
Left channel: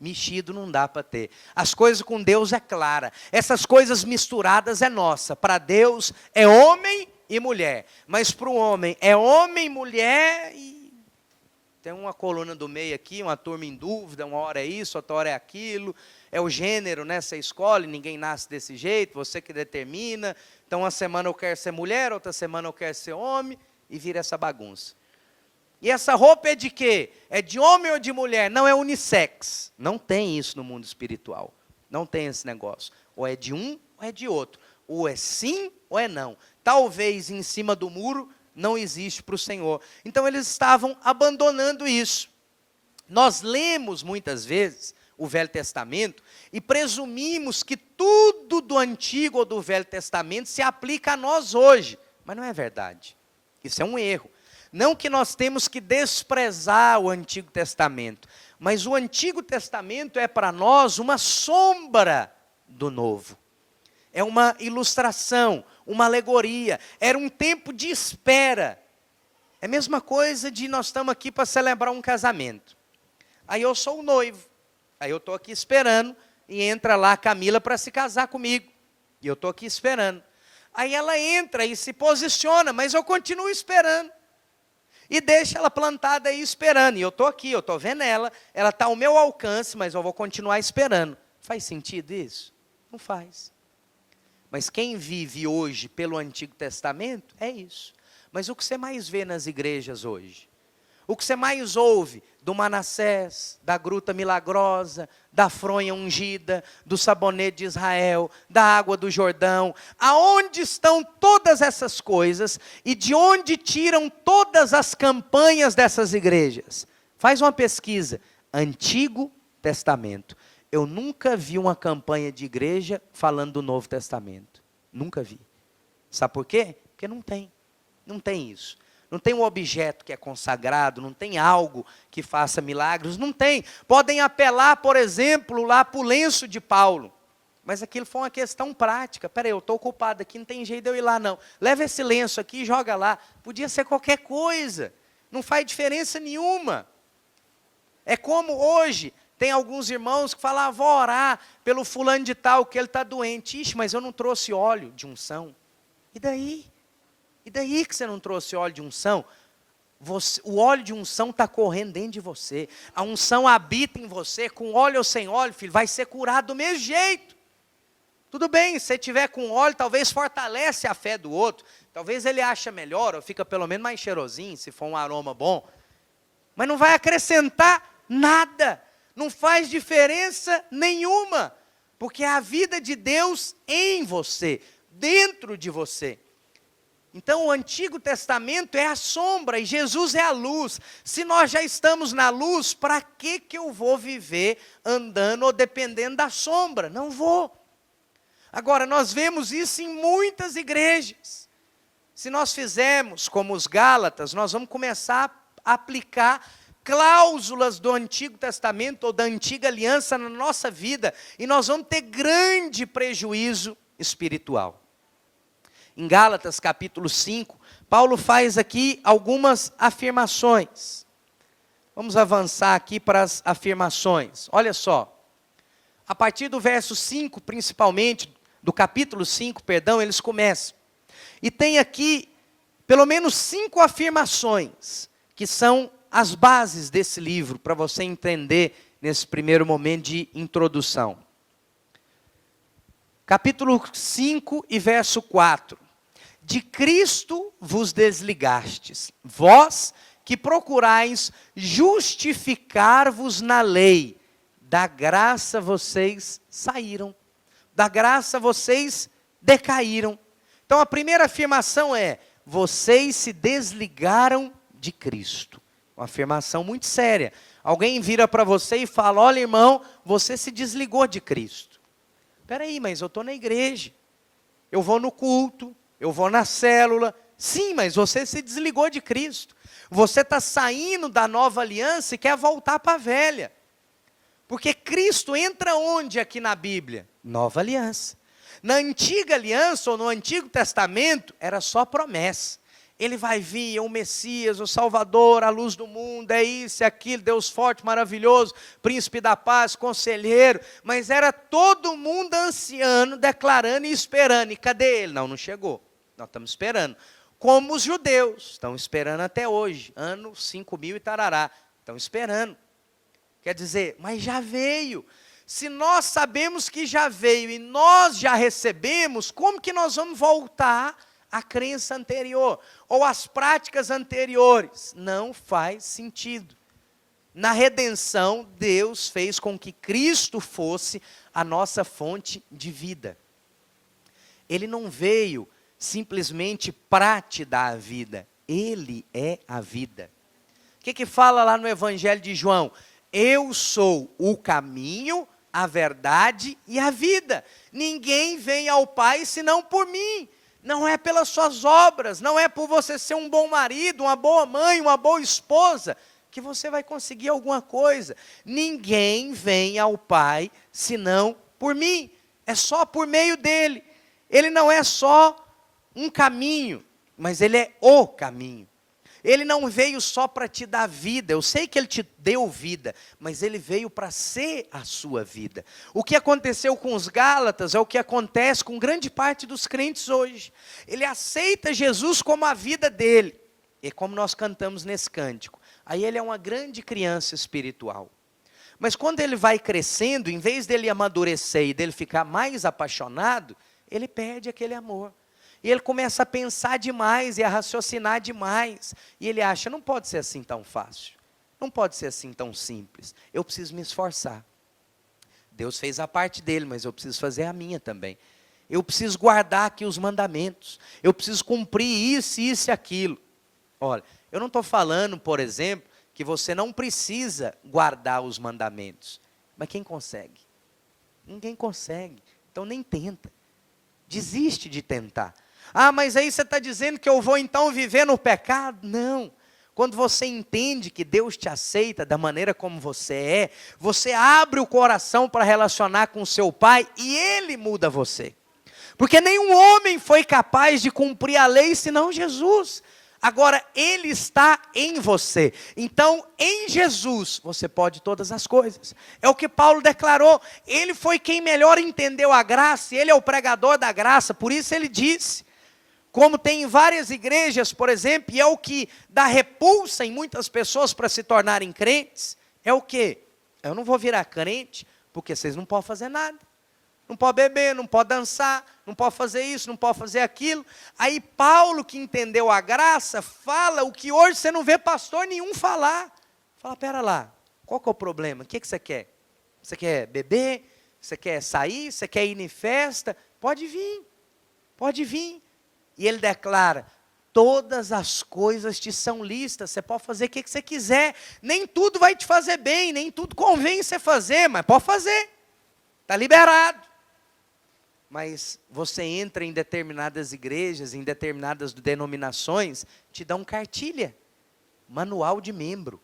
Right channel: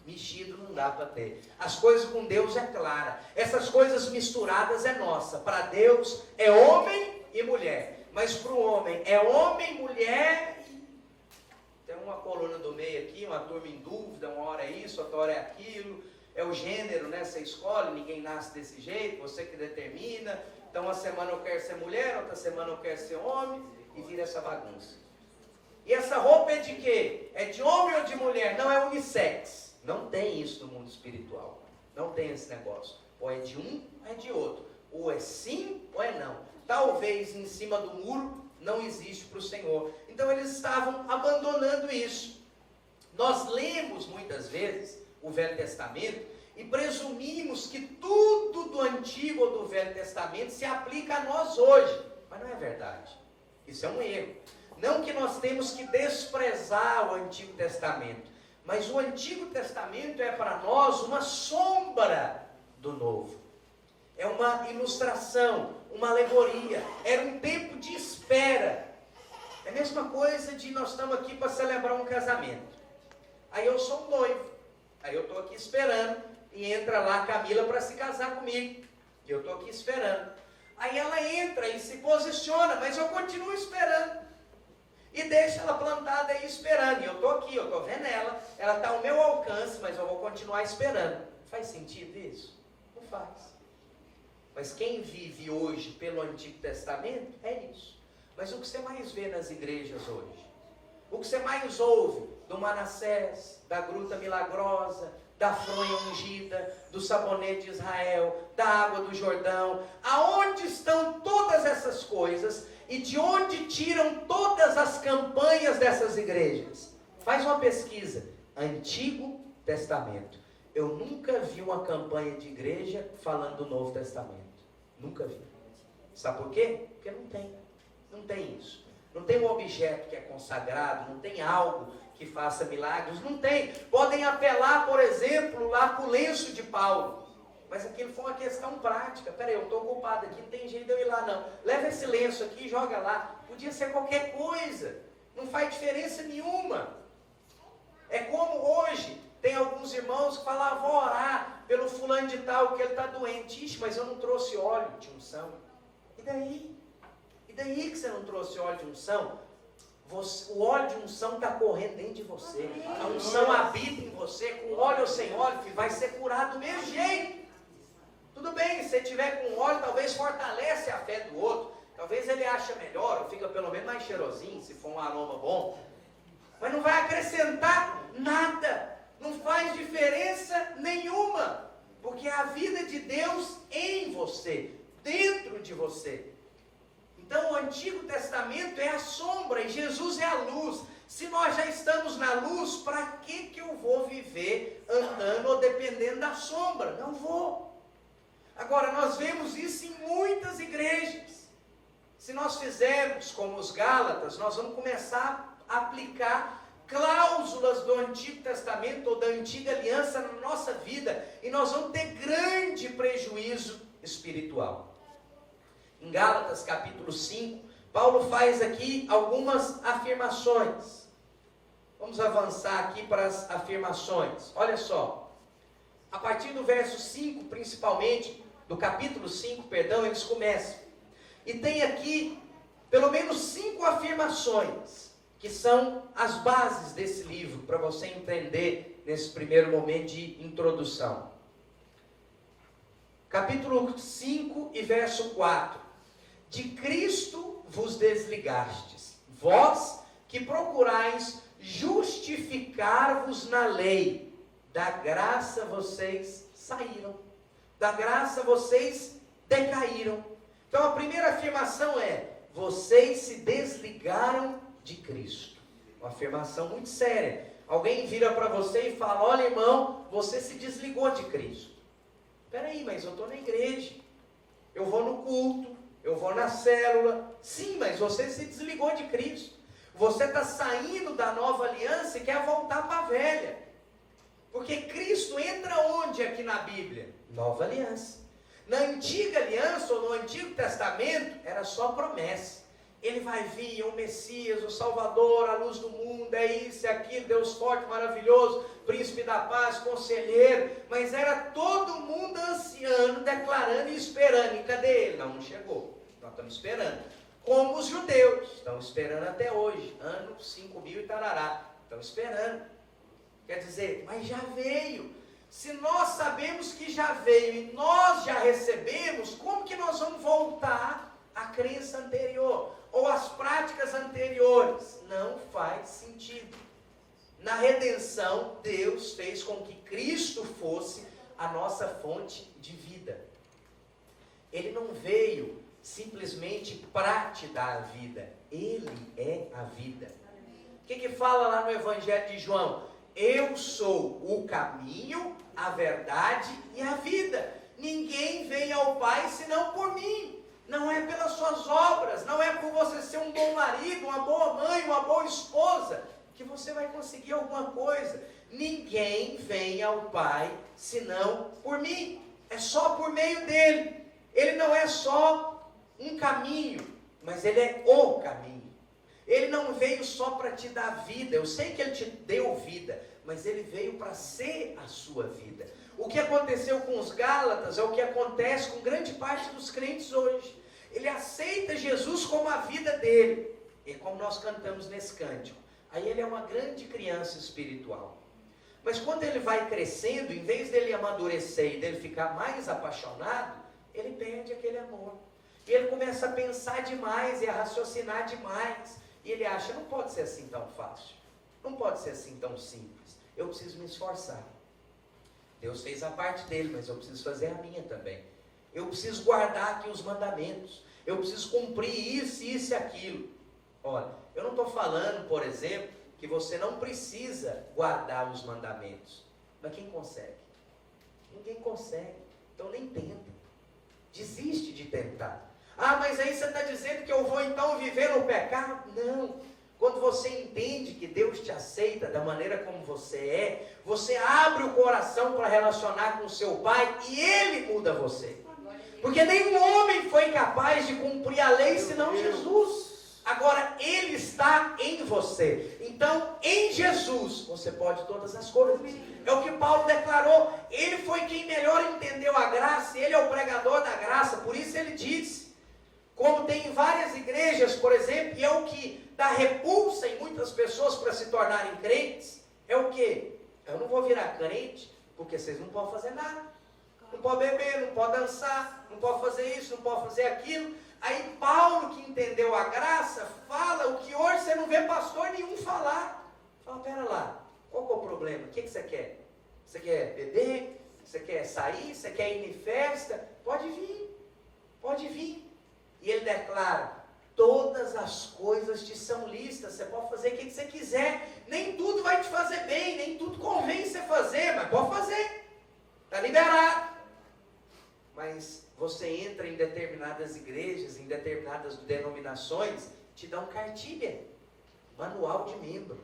Mexido não dá para ter. As coisas com Deus é clara. Essas coisas misturadas é nossa. Para Deus é homem e mulher. Mas para o homem é homem, mulher e... Tem uma coluna do meio aqui, uma turma em dúvida. Uma hora é isso, outra hora é aquilo. É o gênero, né? Você escolhe, ninguém nasce desse jeito. Você que determina. Então uma semana eu quero ser mulher, outra semana eu quero ser homem. E vira essa bagunça. E essa roupa é de quê? É de homem ou de mulher? Não, é unissex. Não tem isso no mundo espiritual. Não tem esse negócio. Ou é de um ou é de outro. Ou é sim ou é não. Talvez em cima do muro não existe para o Senhor. Então eles estavam abandonando isso. Nós lemos muitas vezes o Velho Testamento e presumimos que tudo do Antigo ou do Velho Testamento se aplica a nós hoje. Mas não é verdade. Isso é um erro. Não que nós temos que desprezar o Antigo Testamento, mas o Antigo Testamento é para nós uma sombra do Novo. É uma ilustração, uma alegoria. Era um tempo de espera. É a mesma coisa de nós estamos aqui para celebrar um casamento. Aí eu sou o noivo. Aí eu estou aqui esperando e entra lá a Camila para se casar comigo. E eu estou aqui esperando. Aí ela entra e se posiciona, mas eu continuo esperando. E deixa ela plantada aí esperando. E eu estou aqui, eu estou vendo ela está ao meu alcance, mas eu vou continuar esperando. Faz sentido isso? Não faz. Mas quem vive hoje pelo Antigo Testamento é isso. Mas o que você mais vê nas igrejas hoje? O que você mais ouve do Manassés, da Gruta Milagrosa, da fronha ungida, do sabonete de Israel, da água do Jordão? Aonde estão todas essas coisas e de onde tiram todas as campanhas dessas igrejas? Faz uma pesquisa. Antigo Testamento. Eu nunca vi uma campanha de igreja falando do Novo Testamento. Nunca vi. Sabe por quê? Porque não tem. Não tem isso. Não tem um objeto que é consagrado, não tem algo que faça milagres, não tem. Podem apelar, por exemplo, lá para o lenço de Paulo. Mas aquilo foi uma questão prática. Peraí, eu estou ocupado aqui, não tem jeito de eu ir lá não. Leva esse lenço aqui e joga lá. Podia ser qualquer coisa. Não faz diferença nenhuma. É como hoje... Tem alguns irmãos que falam, vou orar pelo fulano de tal, que ele está doente. Ixi, mas eu não trouxe óleo de unção. E daí? E daí que você não trouxe óleo de unção? O óleo de unção está correndo dentro de você. A unção habita em você, com óleo ou sem óleo, filho, vai ser curado do mesmo jeito. Tudo bem, se tiver com óleo, talvez fortalece a fé do outro. Talvez ele ache melhor, ou fica pelo menos mais cheirosinho, se for um aroma bom. Mas não vai acrescentar nada. Não faz diferença nenhuma, porque é a vida de Deus em você, dentro de você. Então o Antigo Testamento é a sombra e Jesus é a luz. Se nós já estamos na luz, para que eu vou viver andando ou dependendo da sombra? Não vou. Agora, nós vemos isso em muitas igrejas. Se nós fizermos como os Gálatas, nós vamos começar a aplicar cláusulas do Antigo Testamento ou da Antiga Aliança na nossa vida, e nós vamos ter grande prejuízo espiritual. Em Gálatas capítulo 5, Paulo faz aqui algumas afirmações. Vamos avançar aqui para as afirmações. Olha só, a partir do verso 5, principalmente, do capítulo 5, perdão, eles começam. E tem aqui pelo menos 5 afirmações, que são as bases desse livro, para você entender nesse primeiro momento de introdução. Capítulo 5 e verso 4. De Cristo vos desligastes, vós que procurais justificar-vos na lei, da graça vocês saíram, da graça vocês decaíram. Então a primeira afirmação é, vocês se desligaram de Cristo. Uma afirmação muito séria. Alguém vira para você e fala, olha irmão, você se desligou de Cristo. Espera aí, mas eu estou na igreja, eu vou no culto, eu vou na célula. Sim, mas você se desligou de Cristo. Você está saindo da nova aliança e quer voltar para a velha. Porque Cristo entra onde aqui na Bíblia? Nova aliança. Na antiga aliança ou no Antigo Testamento era só promessa. Ele vai vir, é o Messias, o Salvador, a luz do mundo, é isso, é aquilo, Deus forte, maravilhoso, príncipe da paz, conselheiro. Mas era todo mundo anciano, declarando e esperando. E cadê ele? Não chegou. Nós estamos esperando. Como os judeus, estão esperando até hoje, ano 5000 e tarará. Estão esperando. Quer dizer, mas já veio. Se nós sabemos que já veio e nós já recebemos, como que nós vamos voltar a crença anterior ou as práticas anteriores. Não faz sentido. Na redenção, Deus fez com que Cristo fosse a nossa fonte de vida. Ele não veio simplesmente para te dar a vida. Ele é a vida. O que fala lá no Evangelho de João? Eu sou o caminho, a verdade e a vida. Ninguém vem ao Pai senão por mim. Não é pelas suas obras, não é por você ser um bom marido, uma boa mãe, uma boa esposa, que você vai conseguir alguma coisa. Ninguém vem ao Pai senão por mim. É só por meio dele. Ele não é só um caminho, mas ele é o caminho. Ele não veio só para te dar vida. Eu sei que ele te deu vida, mas ele veio para ser a sua vida. O que aconteceu com os Gálatas é o que acontece com grande parte dos crentes hoje. Ele aceita Jesus como a vida dele. E como nós cantamos nesse cântico, aí ele é uma grande criança espiritual. Mas quando ele vai crescendo, em vez dele amadurecer e dele ficar mais apaixonado, ele perde aquele amor. E ele começa a pensar demais e a raciocinar demais. E ele acha, não pode ser assim tão fácil. Não pode ser assim tão simples. Eu preciso me esforçar. Deus fez a parte dele, mas eu preciso fazer a minha também. Eu preciso guardar aqui os mandamentos. Eu preciso cumprir isso, isso e aquilo. Olha, eu não estou falando, por exemplo, que você não precisa guardar os mandamentos. Mas quem consegue? Ninguém consegue. Então nem tenta. Desiste de tentar. Ah, mas aí você está dizendo que eu vou então viver no pecado? Não. Quando você entende que Deus te aceita da maneira como você abre o coração para relacionar com o seu Pai e Ele muda você. Porque nenhum homem foi capaz de cumprir a lei senão Jesus. Agora, Ele está em você. Então, em Jesus, você pode todas as coisas. É o que Paulo declarou. Ele foi quem melhor entendeu a graça. Ele é o pregador da graça. Por isso ele disse. Como tem em várias igrejas, por exemplo, e é o que dá repulsa em muitas pessoas para se tornarem crentes. É o quê? Eu não vou virar crente porque vocês não podem fazer nada. Não pode beber, não pode dançar, não pode fazer isso, não pode fazer aquilo. Aí Paulo, que entendeu a graça, fala o que hoje você não vê pastor nenhum falar. Fala, pera lá, qual que é o problema? O que você quer? Você quer beber? Você quer sair? Você quer ir em festa? Pode vir, pode vir. E ele declara, todas as coisas te são lícitas, você pode fazer o que você quiser. Nem tudo vai te fazer bem, nem tudo convém você fazer, mas pode fazer. Está liberado. Mas você entra em determinadas igrejas, em determinadas denominações, te dão cartilha, manual de membro,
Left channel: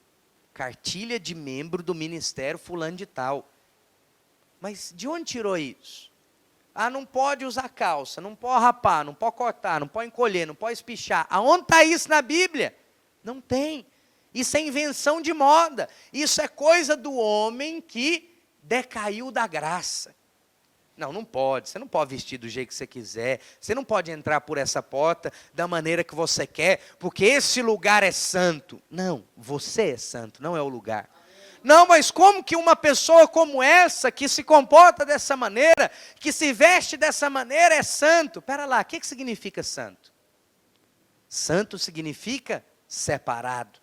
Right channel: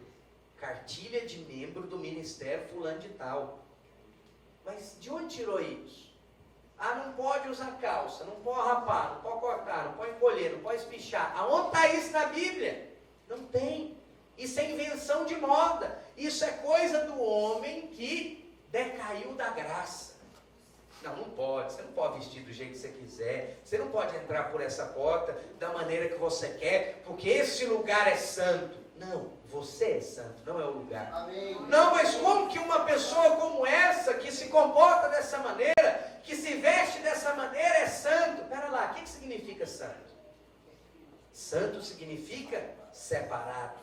cartilha de membro do ministério fulano de tal. Mas de onde tirou isso? Ah, não pode usar calça, não pode rapar, não pode cortar, não pode encolher, não pode espichar. Aonde está isso na Bíblia? Não tem. Isso é invenção de moda. Isso é coisa do homem que decaiu da graça. Não, não pode. Você não pode vestir do jeito que você quiser. Você não pode entrar por essa porta da maneira que você quer, porque esse lugar é santo. Não, você é santo, não é o lugar. Amém. Não, mas como que uma pessoa como essa, que se comporta dessa maneira, que se veste dessa maneira, é santo? Pera lá, o que significa santo? Santo significa separado.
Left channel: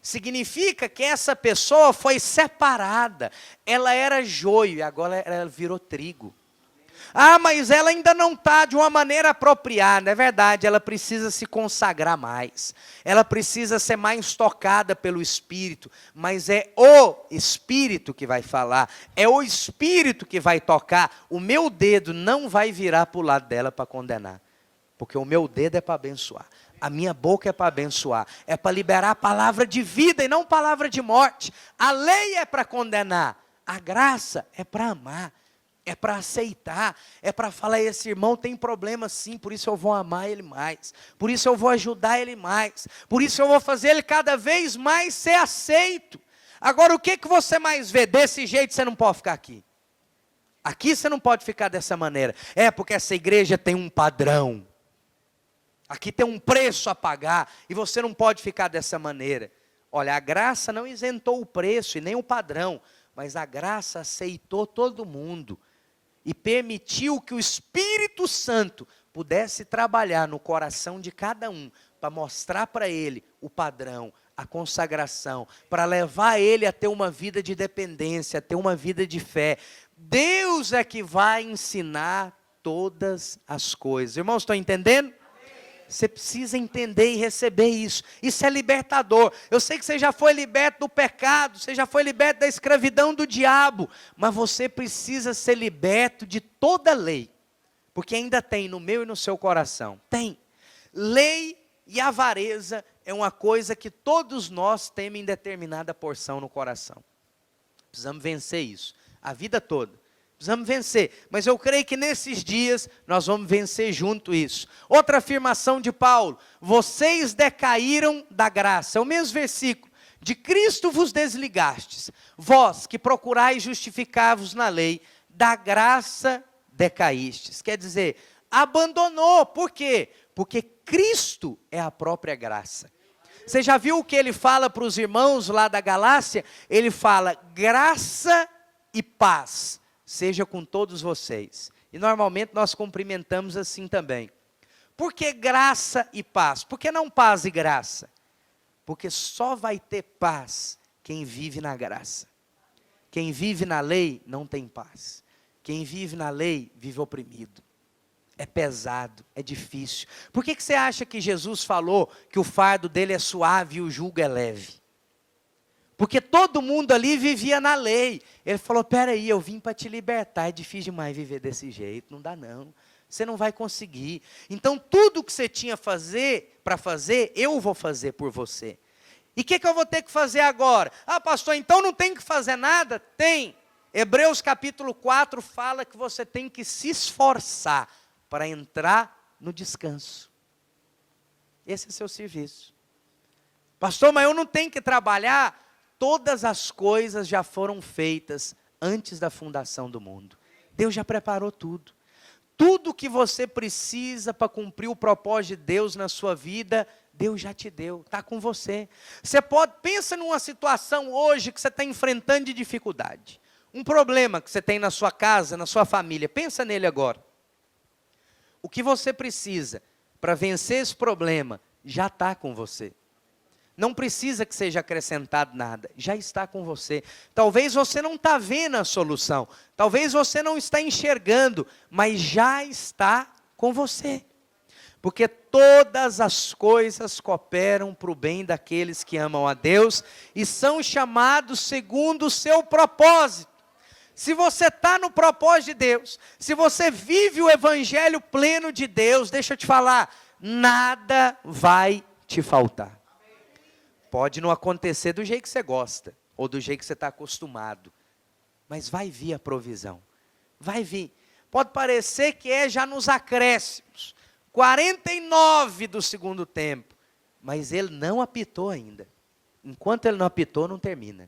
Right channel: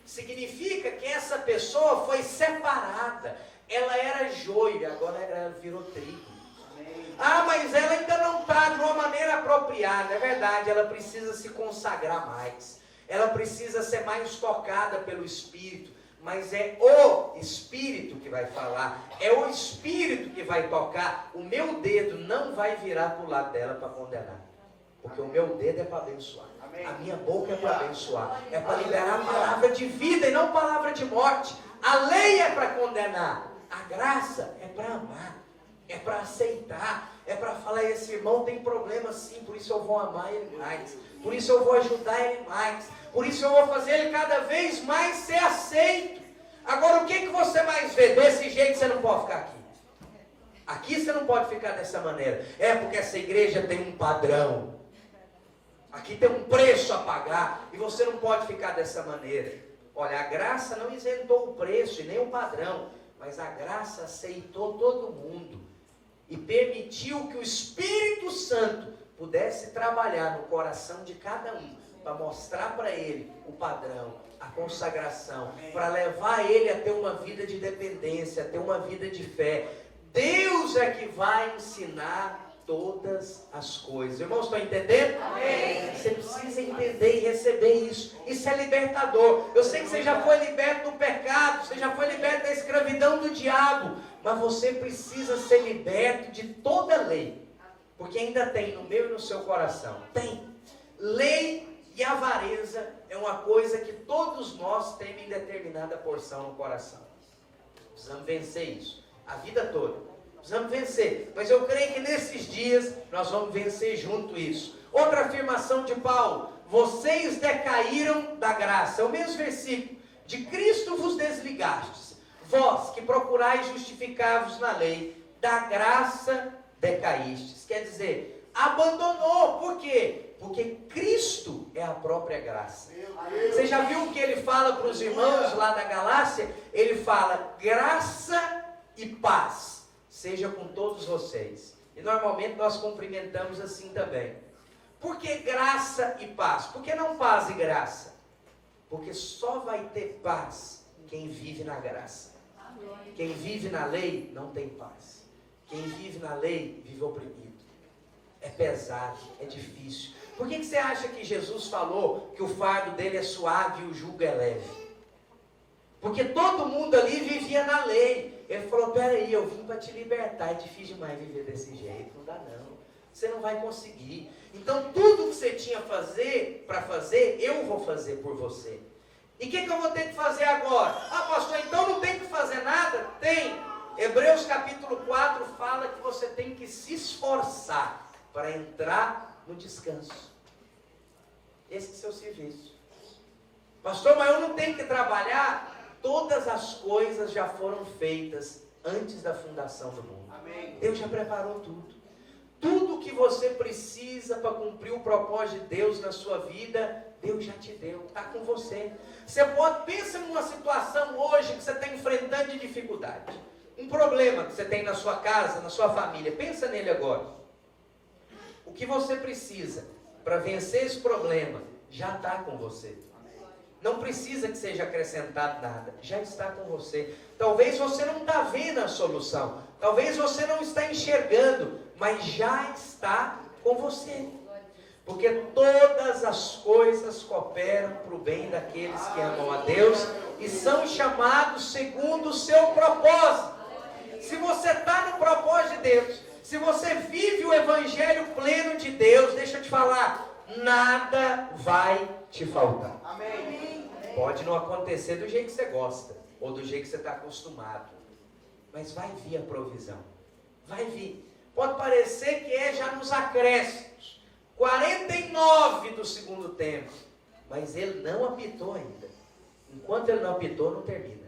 Significa que essa pessoa foi separada. Ela era joio e agora ela virou trigo. Ah, mas ela ainda não está de uma maneira apropriada. É verdade, ela precisa se consagrar mais. Ela precisa ser mais tocada pelo Espírito. Mas é o Espírito que vai falar. É o Espírito que vai tocar. O meu dedo não vai virar para o lado dela para condenar. Porque o meu dedo é para abençoar. A minha boca é para abençoar. É para liberar a palavra de vida e não palavra de morte. A lei é para condenar. A graça é para amar. É para aceitar, é para falar, esse irmão tem problema sim, por isso eu vou amar ele mais, por isso eu vou ajudar ele mais, por isso eu vou fazer ele cada vez mais ser aceito. Agora, o que você mais vê? Desse jeito você não pode ficar aqui. Aqui você não pode ficar dessa maneira. É porque essa igreja tem um padrão. Aqui tem um preço a pagar e você não pode ficar dessa maneira. Olha, a graça não isentou o preço e nem o padrão, mas a graça aceitou todo mundo. E permitiu que o Espírito Santo pudesse trabalhar no coração de cada um, para mostrar para ele o padrão, a consagração, para levar ele a ter uma vida de dependência, a ter uma vida de fé. Deus é que vai ensinar todas as coisas. Irmãos, estão entendendo? Amém. Você precisa entender e receber isso. Isso é libertador. Eu sei que você já foi liberto do pecado, você já foi liberto da escravidão do diabo, mas você precisa ser liberto de toda lei, porque ainda tem no meu e no seu coração. Tem. Lei e avareza é uma coisa que todos nós temos em determinada porção no coração. Precisamos vencer isso, a vida toda. Precisamos vencer, mas eu creio que nesses dias nós vamos vencer junto isso. Outra afirmação de Paulo: vocês decaíram da graça. É o mesmo versículo. De Cristo vos desligastes, vós que procurais justificar-vos na lei, da graça decaístes. Quer dizer, abandonou. Por quê? Porque Cristo é a própria graça. Você já viu o que ele fala para os irmãos lá da Galácia? Ele fala: graça e paz seja com todos vocês. E normalmente nós cumprimentamos assim também. Por que graça e paz? Por que não paz e graça? Porque só vai ter paz quem vive na graça. Quem vive na lei não tem paz. Quem vive na lei vive oprimido. É pesado, é difícil. Por que você acha que Jesus falou que o fardo dele é suave e o jugo é leve? Porque todo mundo ali vivia na lei. Ele falou: peraí, eu vim para te libertar. É difícil demais viver desse jeito, não dá não. Você não vai conseguir. Então tudo que você tinha para fazer, eu vou fazer por você. E o que eu vou ter que fazer agora? Ah, pastor, então não tem que fazer nada? Tem. Hebreus capítulo 4 fala que você tem que se esforçar para entrar no descanso. Esse é o seu serviço. Pastor, mas eu não tenho que trabalhar? Todas as coisas já foram feitas antes da fundação do mundo. Amém. Deus já preparou tudo. Tudo que você precisa para cumprir o propósito de Deus na sua vida, Deus já te deu, está com você. Pensa numa situação hoje que você está enfrentando de dificuldade. Um problema que você tem na sua casa, na sua família. Pensa nele agora. O que você precisa para vencer esse problema já está com você. Não precisa que seja acrescentado nada, já está com você. Talvez você não está vendo a solução, talvez você não está enxergando, mas já está com você. Porque todas as coisas cooperam para o bem daqueles que amam a Deus e são chamados segundo o seu propósito. Se você está no propósito de Deus, se você vive o evangelho pleno de Deus, deixa eu te falar, nada vai te faltar. Pode não acontecer do jeito que você gosta, ou do jeito que você está acostumado, mas vai vir a provisão, vai vir. Pode parecer que é já nos acréscimos, 49 do segundo tempo, mas ele não apitou ainda. Enquanto ele não apitou, não termina.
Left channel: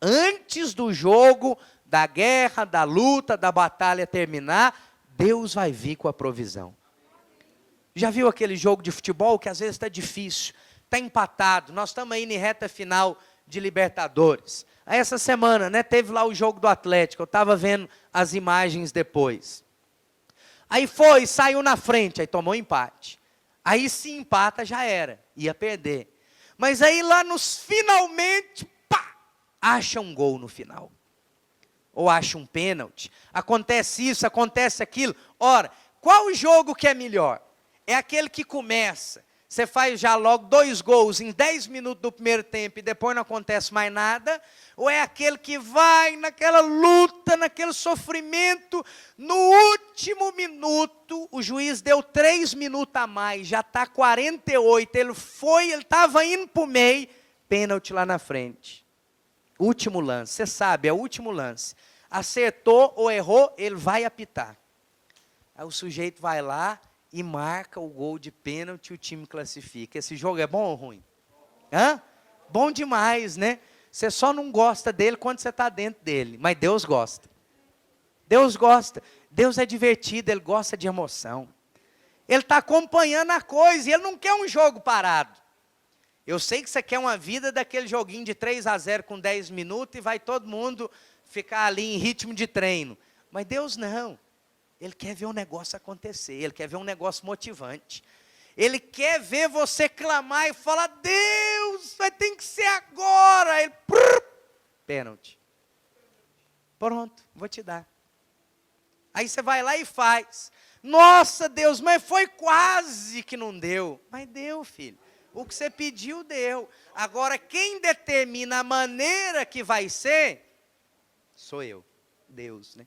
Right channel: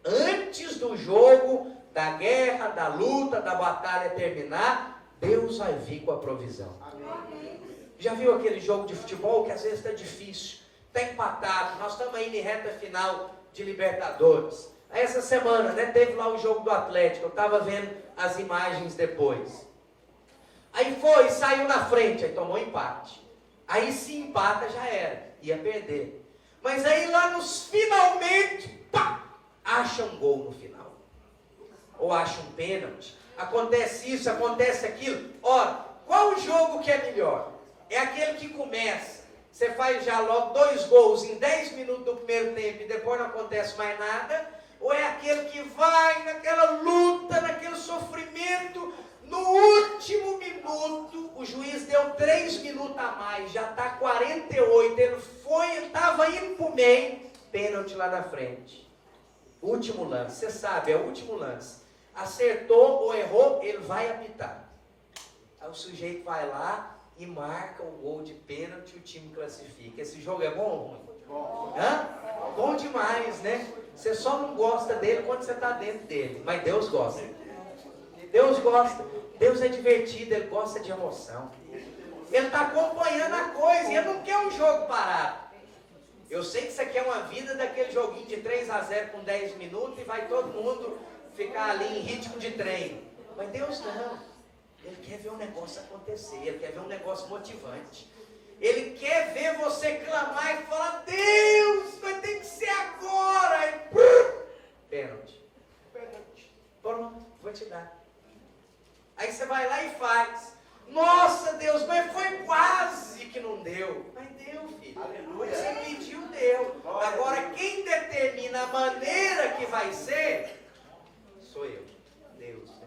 Antes do jogo, da guerra, da luta, da batalha terminar, Deus vai vir com a provisão. Já viu aquele jogo de futebol que às vezes está difícil? Está empatado, nós estamos aí em reta final de Libertadores. Aí essa semana, teve lá o jogo do Atlético, eu estava vendo as imagens depois. Aí saiu na frente, aí tomou empate. Aí se empata já era, ia perder. Mas aí lá nos finalmente, acha um gol no final. Ou acha um pênalti. Acontece isso, acontece aquilo. Ora, qual o jogo que é melhor? É aquele que começa. Você faz já logo 2 gols em 10 minutos do primeiro tempo e depois não acontece mais nada? Ou é aquele que vai naquela luta, naquele sofrimento, no último minuto, o juiz deu 3 minutos a mais, já está 48, ele estava indo para o meio, pênalti lá na frente. Último lance, você sabe, é o último lance. Acertou ou errou, ele vai apitar. Aí o sujeito vai lá e marca o gol de pênalti e o time classifica. Esse jogo é bom ou ruim? Bom. Hã? Bom demais, né? Você só não gosta dele quando você está dentro dele. Mas Deus gosta. Deus gosta. Deus é divertido, Ele gosta de emoção. Ele está acompanhando a coisa e Ele não quer um jogo parado. Eu sei que você quer uma vida daquele joguinho de 3-0 com 10 minutos e vai todo mundo ficar ali em ritmo de treino. Mas Deus não. Ele quer ver um negócio acontecer, ele quer ver um negócio motivante. Ele quer ver você clamar e falar, Deus, vai ter que ser agora. E pênalti. Pronto, vou te dar. Aí você vai lá e faz. Nossa, Deus, mas foi quase que não deu. Mas deu, filho. O que você pediu, deu. Agora, quem determina a maneira que vai ser, sou eu. Deus, né?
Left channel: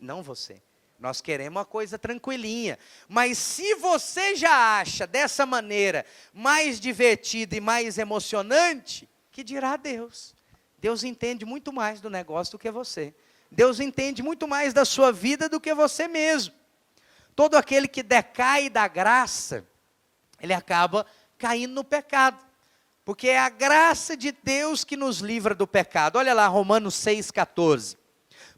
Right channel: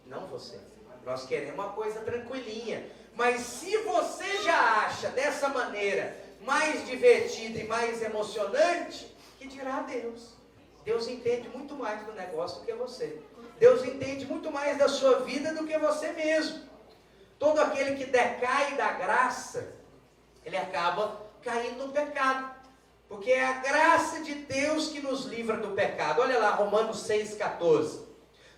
Não você. Nós queremos uma coisa tranquilinha. Mas se você já acha dessa maneira mais divertida e mais emocionante, que dirá Deus? Deus entende muito mais do negócio do que você. Deus entende muito mais da sua vida do que você mesmo. Todo aquele que decai da graça, ele acaba caindo no pecado. Porque é a graça de Deus que nos livra do pecado. Olha lá, Romanos 6,14.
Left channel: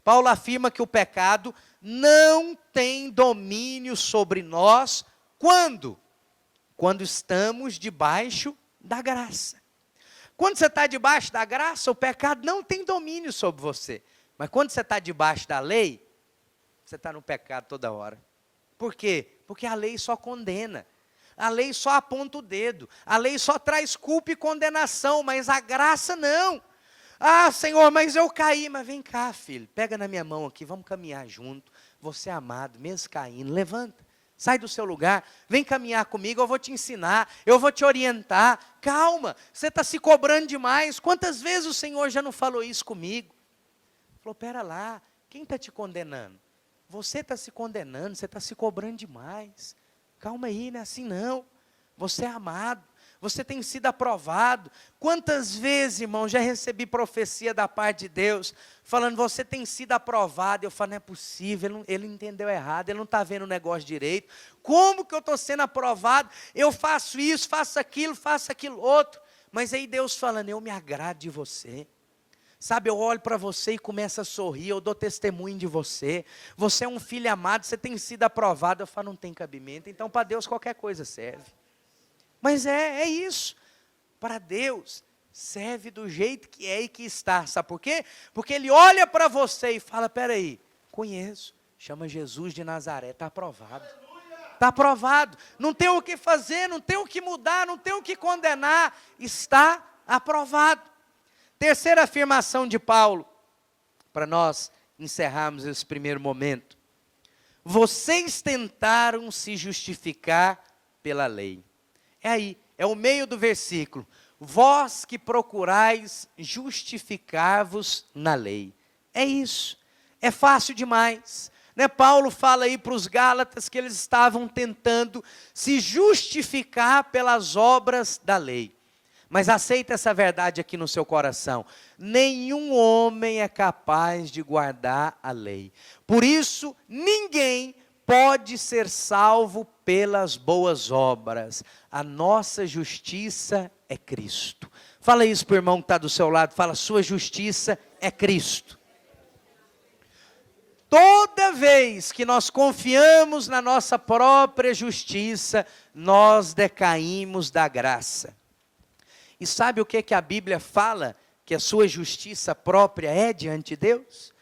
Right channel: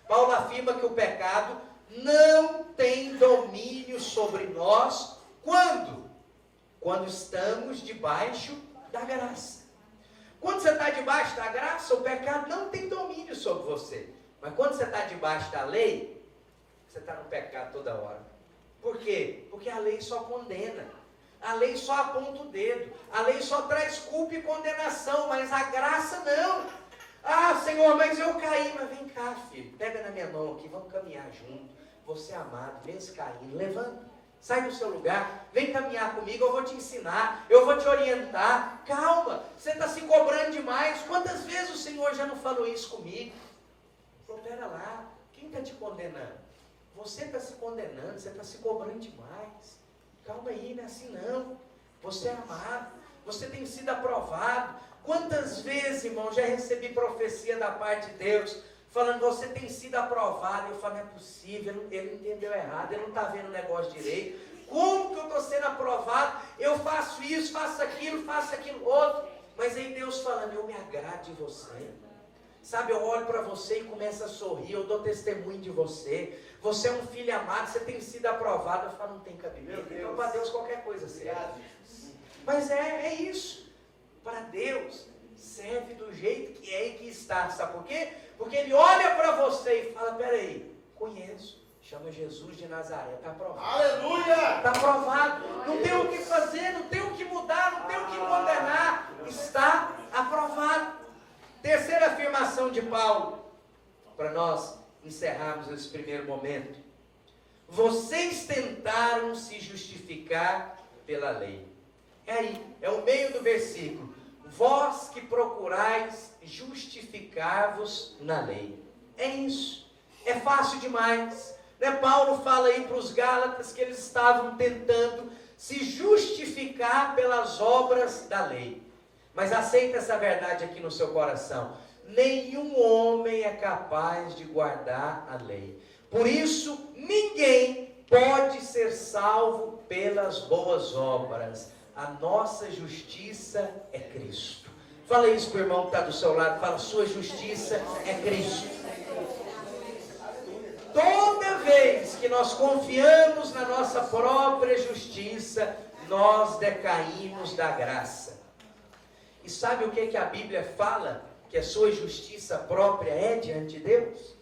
Paulo afirma que o pecado não tem domínio sobre nós. Quando? Quando estamos debaixo da graça. Quando você está debaixo da graça, o pecado não tem domínio sobre você. Mas quando você está debaixo da lei, você está no pecado toda hora. Por quê? Porque a lei só condena. A lei só aponta o dedo. A lei só traz culpa e condenação, mas a graça não. Ah, Senhor, mas eu caí. Mas vem cá, filho, pega na minha mão aqui, vamos caminhar junto. Você é amado, mesmo caindo, levanta, sai do seu lugar, vem caminhar comigo, eu vou te ensinar, eu vou te orientar. Calma, você está se cobrando demais. Quantas vezes o Senhor já não falou isso comigo? Falou, pera lá, quem está te condenando? Você está se condenando, você está se cobrando demais. Calma aí, não é assim não. Você é amado, você tem sido aprovado. Quantas vezes, irmão, já recebi profecia da parte de Deus, falando, você tem sido aprovado. Eu falo, não é possível, ele entendeu errado, ele não está vendo o negócio direito. Como que eu estou sendo aprovado? Eu faço isso, faço aquilo outro. Mas aí Deus falando, eu me agrado de você. Sabe, eu olho para você e começo a sorrir, eu dou testemunho de você. Você é um filho amado, você tem sido aprovado. Eu falo, não tem cabimento. Então, para Deus, qualquer coisa serve. Mas é isso. Para Deus, serve do jeito que é e que está. Sabe por quê? Porque Ele olha para você e fala, peraí, conheço. Chama Jesus de Nazaré, está aprovado. Aleluia! Está aprovado. Não tem o que fazer, não tem o que mudar, não tem o que condenar. Está aprovado. Terceira afirmação de Paulo, para nós encerrarmos esse primeiro momento. Vocês tentaram se justificar pela lei. É aí, é o meio do versículo. Vós que procurais justificar-vos na lei. É isso. É fácil demais. Né? Paulo fala aí para os Gálatas que eles estavam tentando se justificar pelas obras da lei. Mas aceita essa verdade aqui no seu coração. Nenhum homem é capaz de guardar a lei. Por isso, ninguém pode ser salvo pelas boas obras. A nossa justiça é Cristo. Fala isso para o irmão que está do seu lado. Fala, sua justiça é Cristo. Toda vez que nós confiamos na nossa própria justiça, nós decaímos da graça. E sabe o que a Bíblia fala? Que a sua justiça própria é diante de Deus?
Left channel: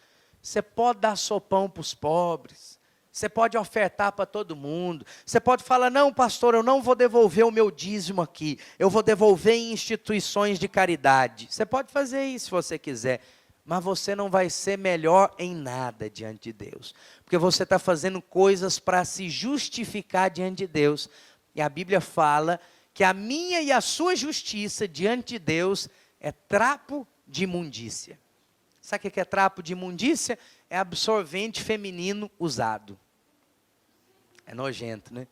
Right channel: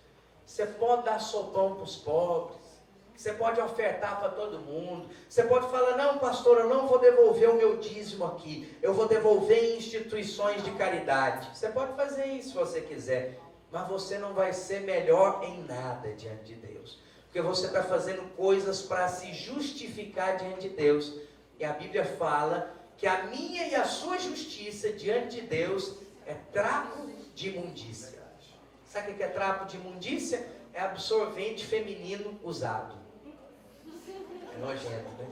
Você pode dar sopão para os pobres. Você pode ofertar para todo mundo. Você pode falar, não pastor, eu não vou devolver o meu dízimo aqui. Eu vou devolver em instituições de caridade. Você pode fazer isso se você quiser. Mas você não vai ser melhor em nada diante de Deus. Porque você está fazendo coisas para se justificar diante de Deus. E a Bíblia fala que a minha e a sua justiça diante de Deus é trapo de imundícia. Sabe o que é trapo de imundícia? É absorvente feminino usado. É nojento, né?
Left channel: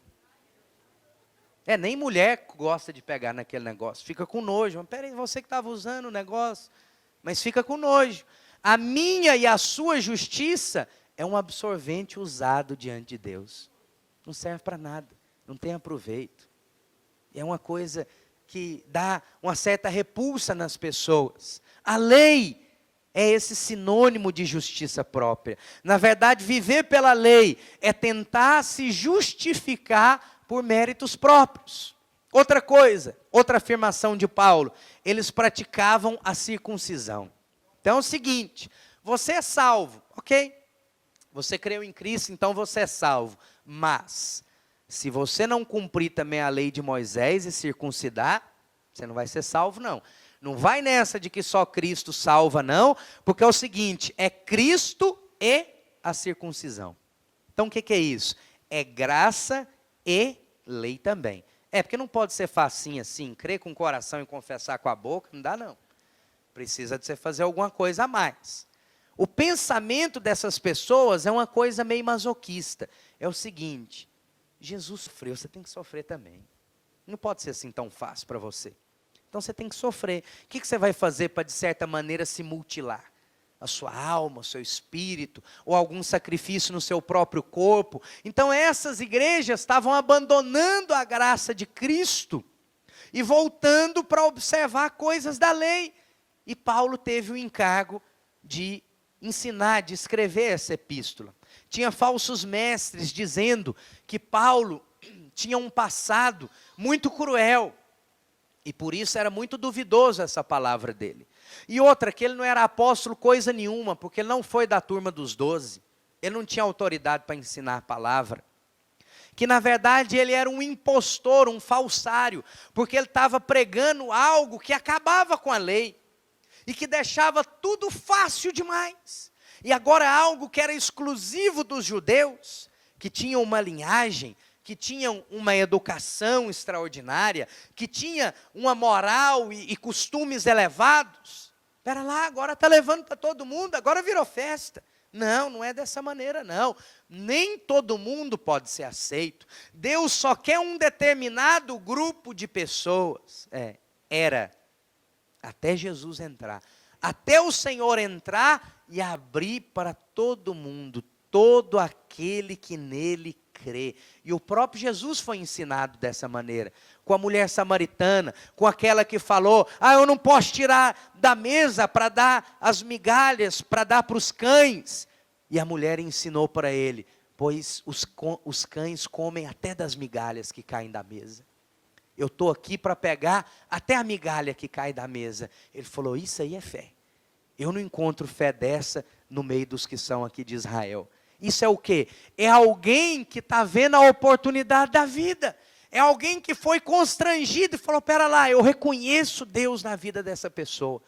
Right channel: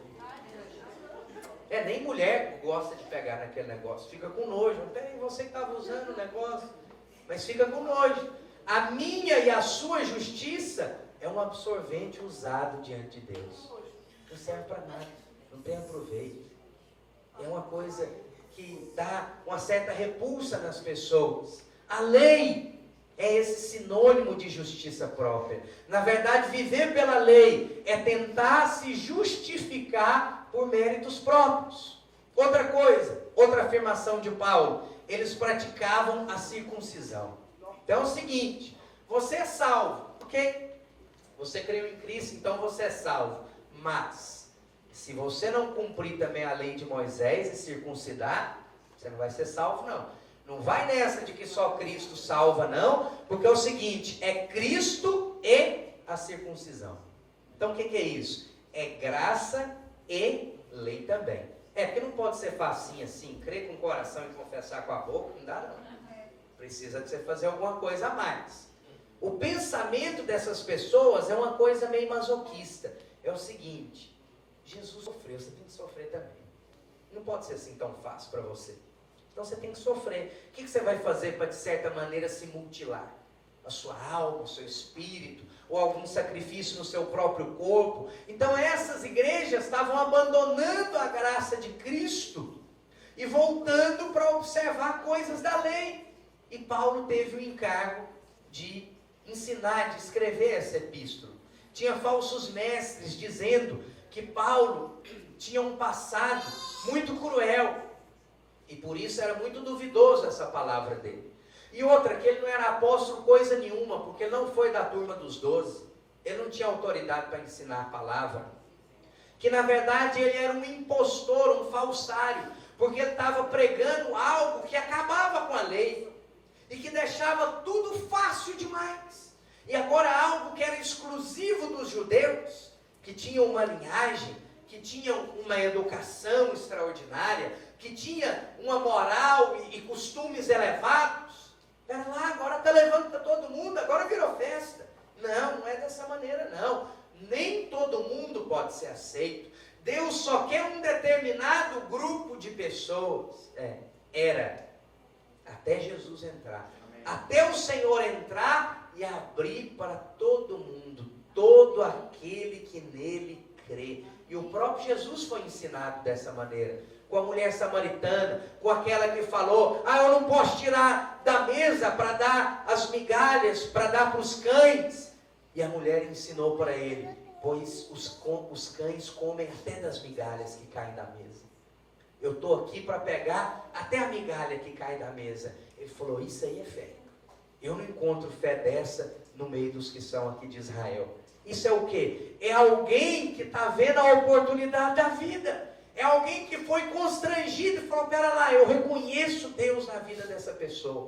Nem mulher gosta de pegar naquele negócio. Fica com nojo. Peraí, você que estava usando o negócio. Mas fica com nojo. A minha e a sua justiça é um absorvente usado diante de Deus. Não serve para nada. Não tem aproveito. É uma coisa que dá uma certa repulsa nas pessoas. A lei é esse sinônimo de justiça própria. Na verdade, viver pela lei é tentar se justificar por méritos próprios. Outra coisa, outra afirmação de Paulo, eles praticavam a circuncisão. Então é o seguinte, você é salvo, ok? Você creu em Cristo, então você é salvo. Mas, se você não cumprir também a lei de Moisés e circuncidar, você não vai ser salvo, não. Não vai nessa de que só Cristo salva, não, porque é o seguinte, é Cristo e a circuncisão. Então o que é isso? É graça e lei também. Porque não pode ser facinho assim, crer com o coração e confessar com a boca, não dá não. Precisa de você fazer alguma coisa a mais. O pensamento dessas pessoas é uma coisa meio masoquista. É o seguinte, Jesus sofreu, você tem que sofrer também. Não pode ser assim tão fácil para você. Então você tem que sofrer. O que você vai fazer para, de certa maneira, se mutilar? A sua alma, o seu espírito, ou algum sacrifício no seu próprio corpo. Então essas igrejas estavam abandonando a graça de Cristo e voltando para observar coisas da lei. E Paulo teve o encargo de ensinar, de escrever essa epístola. Tinha falsos mestres dizendo que Paulo tinha um passado muito cruel, e por isso era muito duvidoso essa palavra dele. E outra, que ele não era apóstolo coisa nenhuma, porque ele não foi da turma dos 12, ele não tinha autoridade para ensinar a palavra, que na verdade ele era um impostor, um falsário, porque ele estava pregando algo que acabava com a lei, e que deixava tudo fácil demais, e agora algo que era exclusivo dos judeus, que tinham uma linhagem, que tinham uma educação extraordinária, que tinha uma moral e costumes elevados. Espera lá, agora está levando para todo mundo, agora virou festa. Não, não é dessa maneira não. Nem todo mundo pode ser aceito. Deus só quer um determinado grupo de pessoas. Era até Jesus entrar. Até o Senhor entrar e abrir para todo mundo, todo aquele que nele crê. E o próprio Jesus foi ensinado dessa maneira, com a mulher samaritana, com aquela que falou, eu não posso tirar da mesa para dar as migalhas, para dar para os cães. E a mulher ensinou para ele, pois os cães comem até das migalhas que caem da mesa. Eu estou aqui para pegar até a migalha que cai da mesa. Ele falou, isso aí é fé. Eu não encontro fé dessa no meio dos que são aqui de Israel. Isso é o quê? É alguém que está vendo a oportunidade da vida. É alguém que foi constrangido e falou, pera lá, eu reconheço Deus na vida dessa pessoa.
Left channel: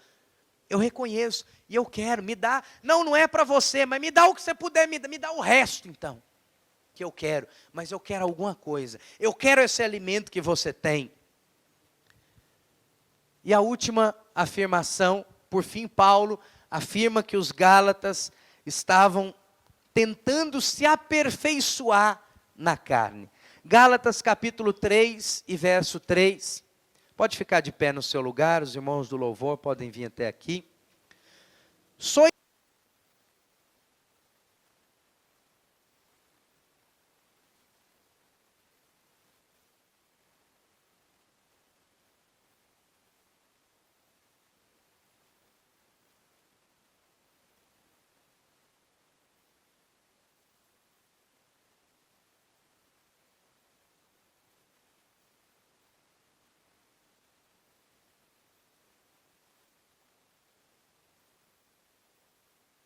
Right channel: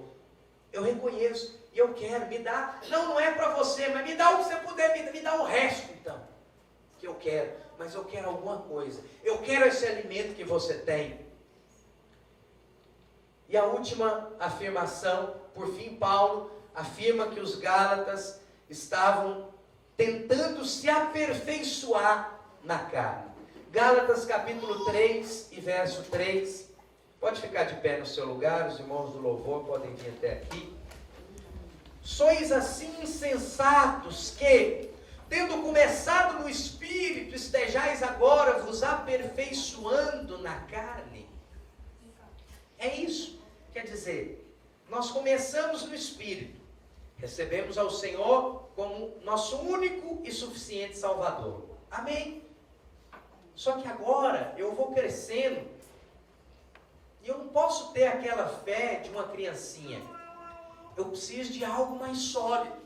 Eu reconheço e eu quero, me dá. Não é para você, mas me dá o que você puder, me dá o resto então. Que eu quero, mas eu quero alguma coisa. Eu quero esse alimento que você tem. E a última afirmação, por fim, Paulo afirma que os Gálatas estavam tentando se aperfeiçoar na carne. Gálatas capítulo 3 e verso 3. Pode ficar de pé no seu lugar, os irmãos do louvor podem vir até aqui. Sois assim insensatos que, tendo começado no Espírito, estejais agora vos aperfeiçoando na carne. É isso. Quer dizer, nós começamos no Espírito. Recebemos ao Senhor como nosso único e suficiente Salvador. Amém? Só que agora eu vou crescendo e eu não posso ter aquela fé de uma criancinha. Eu preciso de algo mais sólido.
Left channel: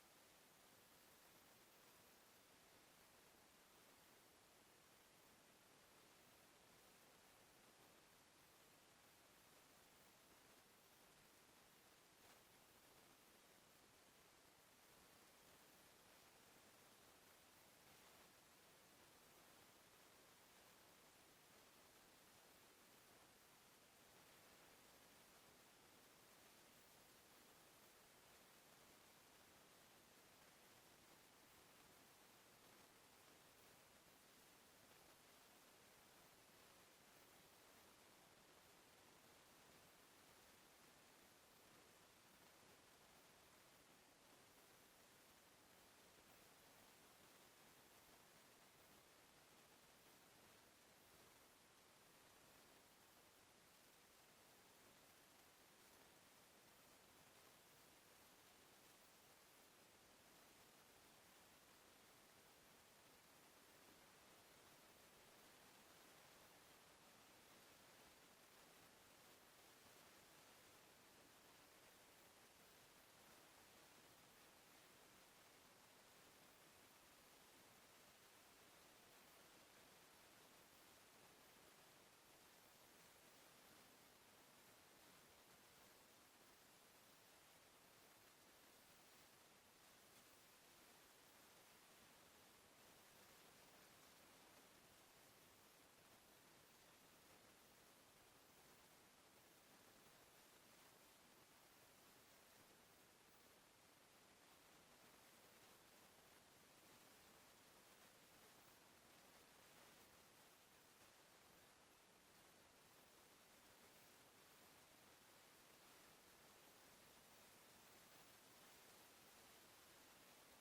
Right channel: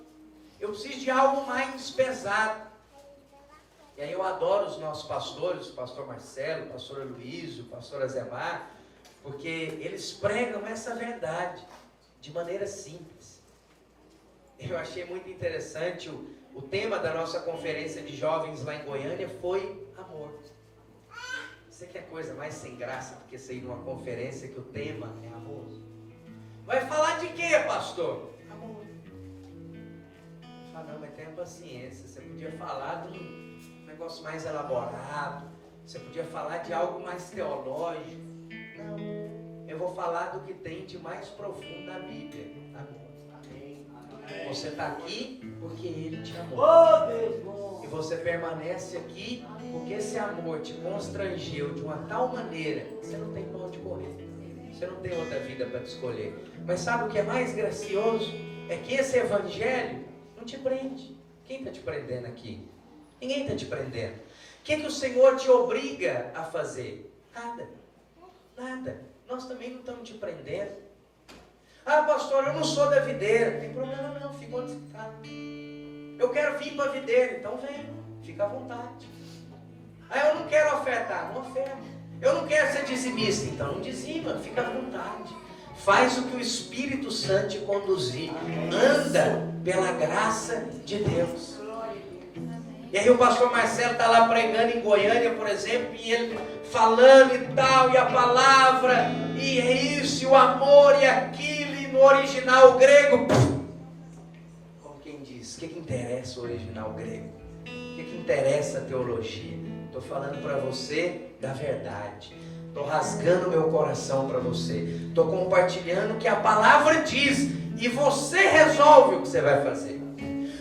Eu preciso de algo mais pesado. E aí eu adoro os nossos pastores, o pastor Marcelo, o pastor Aloysio, o pastor Azemar, porque eles pregam essa verdade de maneira simples. Eu achei muito interessante, o tema da nossa conferência de jovens lá em Goiânia foi amor. Você quer coisa mais sem graça do que sair numa conferência que o tema é amor? Vai falar de quê, pastor? Amor. Não, mas tenha paciência, você podia falar de um negócio mais elaborado, você podia falar de algo mais teológico. Não, eu vou falar do que tem de mais profundo na Bíblia. Amor. Você está aqui porque Ele te amou. E você permanece aqui porque esse amor te constrangeu de uma tal maneira que você não tem para onde correr. Você não tem outra vida para te escolher. Mas sabe o que é mais gracioso? É que esse evangelho não te prende. Quem está te prendendo aqui? Ninguém está te prendendo. O que o Senhor te obriga a fazer? Nada. Nada. Nós também não estamos te prendendo. Pastor, eu não sou da videira. Não tem problema não, fica onde você está. Eu quero vir para a videira, então vem, fica à vontade. Eu não quero ofertar, não oferta. Eu não quero ser dizimista, então não dizima, fica à vontade. Faz o que o Espírito Santo te conduzir. Anda pela graça de Deus. E aí o pastor Marcelo está lá pregando em Goiânia, por exemplo, e ele falando e tal, e a palavra, e é isso, e o amor, e aquilo, e no original grego. Como quem diz, o que interessa o original grego? O que interessa a teologia? Estou falando para você da verdade. Estou rasgando meu coração para você. Estou compartilhando o que a palavra diz. E você resolve o que você vai fazer.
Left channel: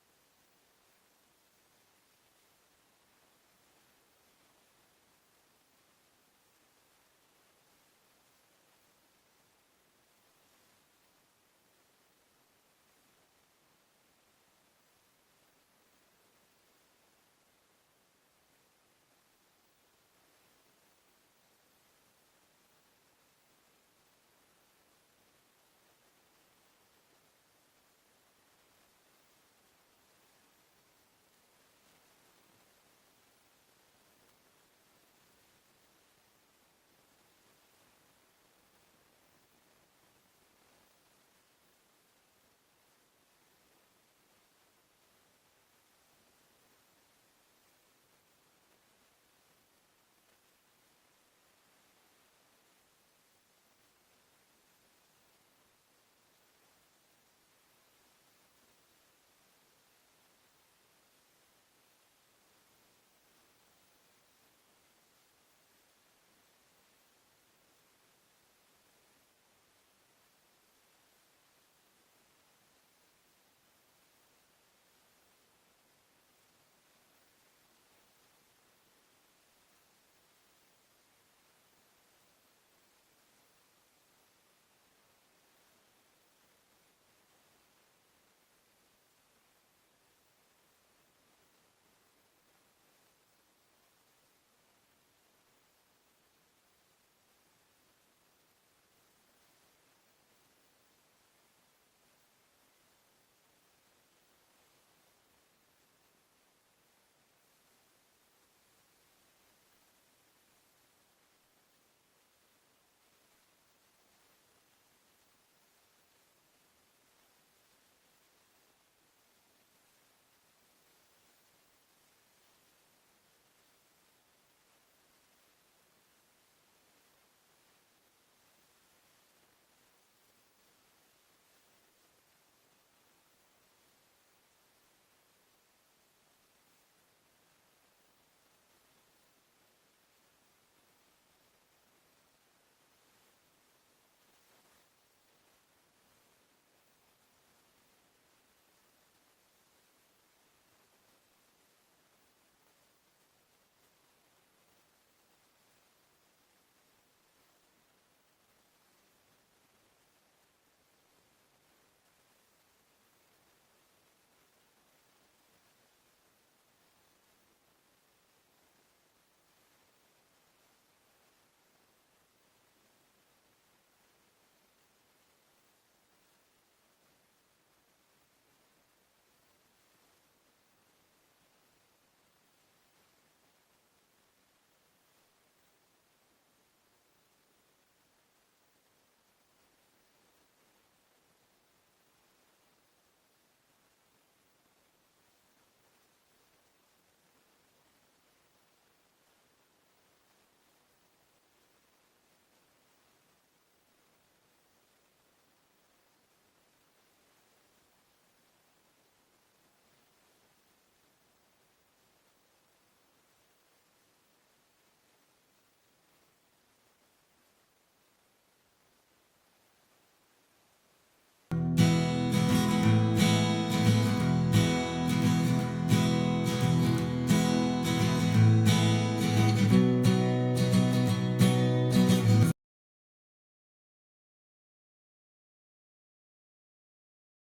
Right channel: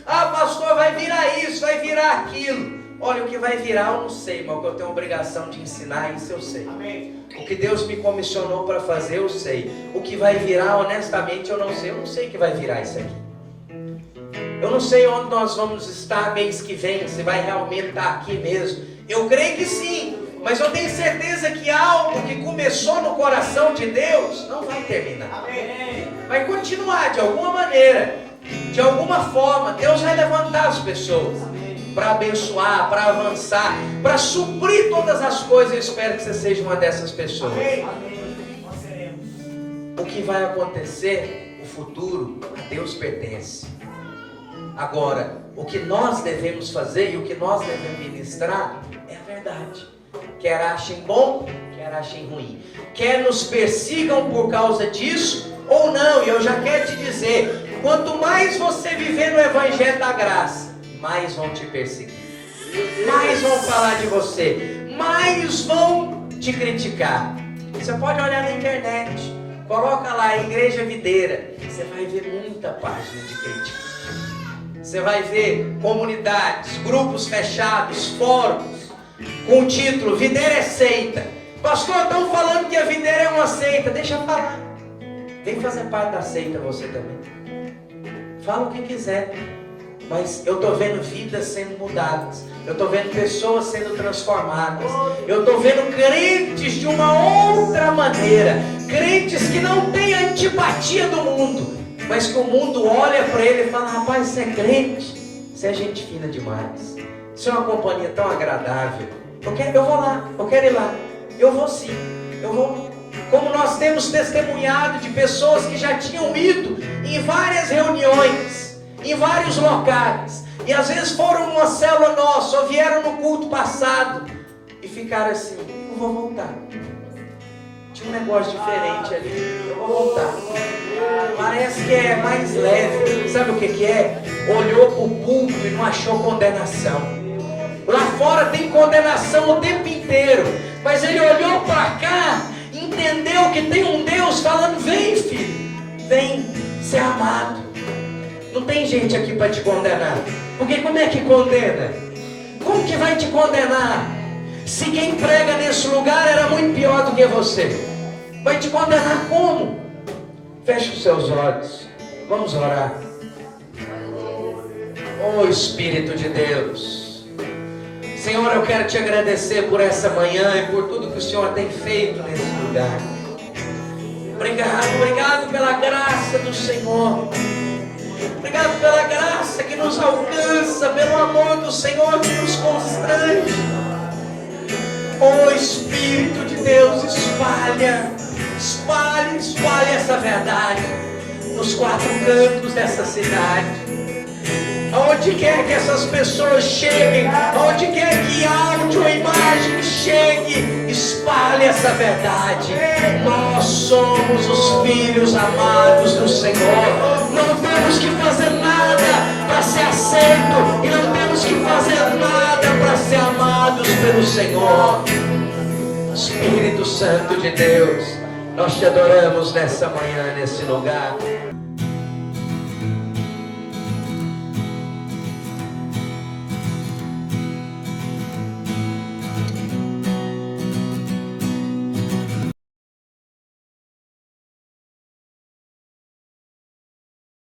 Pastor, vai virar isso, vai virar aquilo. Olha, o que vai virar eu não sei, mas o que eu tenho a obrigação de ensinar, isso eu sei. Amém. O que Deus me comissionou para fazer, eu sei. O que vai virar, honestamente, eu não sei. Eu não sei o que vai virar isso aqui. Eu não sei onde nós vamos estar mês que vem, se vai realmente estar aqui mesmo. Eu creio que sim. Mas eu tenho certeza que algo que começou no coração de Deus não vai terminar. Amém. Vai continuar de alguma maneira, de alguma forma. Deus vai levantar as pessoas para abençoar, para avançar, para suprir todas as coisas. Eu espero que você seja uma dessas pessoas. Amém. O que vai acontecer, o futuro, a Deus pertence. Agora, o que nós devemos fazer e o que nós devemos ministrar é a verdade. Quer achem bom, quer achem ruim. Quer nos persigam por causa disso ou não. E eu já quero te dizer, quanto mais você viver no Evangelho da Graça, mais vão te perseguir. Mais vão falar de você. Mais vão te criticar. Você pode olhar na internet. Coloca lá, Igreja Videira. Você vai ver muita página de crítica. Você vai ver comunidades, grupos fechados, fóruns, com o título, Videira é seita. Pastor, estão falando que a videira é uma seita. Deixa eu falar. Vem fazer parte da seita você também. Fala o que quiser. Mas eu estou vendo vidas sendo mudadas. Eu estou vendo pessoas sendo transformadas. Eu estou vendo crentes de uma outra maneira. Crentes que não têm a antipatia do mundo. Mas que o mundo olha para ele e fala, rapaz, você é crente. Você é gente fina demais. Isso é uma companhia tão agradável. Eu vou lá, eu quero ir lá. Eu vou sim, eu vou. Como nós temos testemunhado de pessoas que já tinham ido em várias reuniões, em vários locais, e às vezes foram numa célula nossa, ou vieram no culto passado, e ficaram assim, eu vou voltar. Tinha um negócio diferente ali, eu vou voltar. Parece que é mais leve. Sabe o que é? Olhou para o público e não achou condenação. Lá fora tem condenação o tempo inteiro. Mas ele olhou para cá, entendeu que tem um Deus falando, vem filho, vem ser amado. Não tem gente aqui para te condenar. Porque como é que condena? Como que vai te condenar? Se quem prega nesse lugar era muito pior do que você, vai te condenar como? Feche os seus olhos. Vamos orar. Oh Espírito de Deus, Senhor, eu quero te agradecer por essa manhã e por tudo que o Senhor tem feito nesse lugar. Obrigado pela graça do Senhor. Obrigado pela graça que nos alcança, pelo amor do Senhor que nos constrange. Oh Espírito de Deus, espalhe essa verdade nos quatro cantos dessa cidade. Aonde quer que essas pessoas cheguem, aonde quer que áudio ou imagem chegue, espalhe essa verdade. Nós somos os filhos amados do Senhor. Não temos que fazer nada para ser aceito e não temos que fazer nada para ser amados pelo Senhor. Espírito Santo de Deus, nós te adoramos nessa manhã, nesse lugar.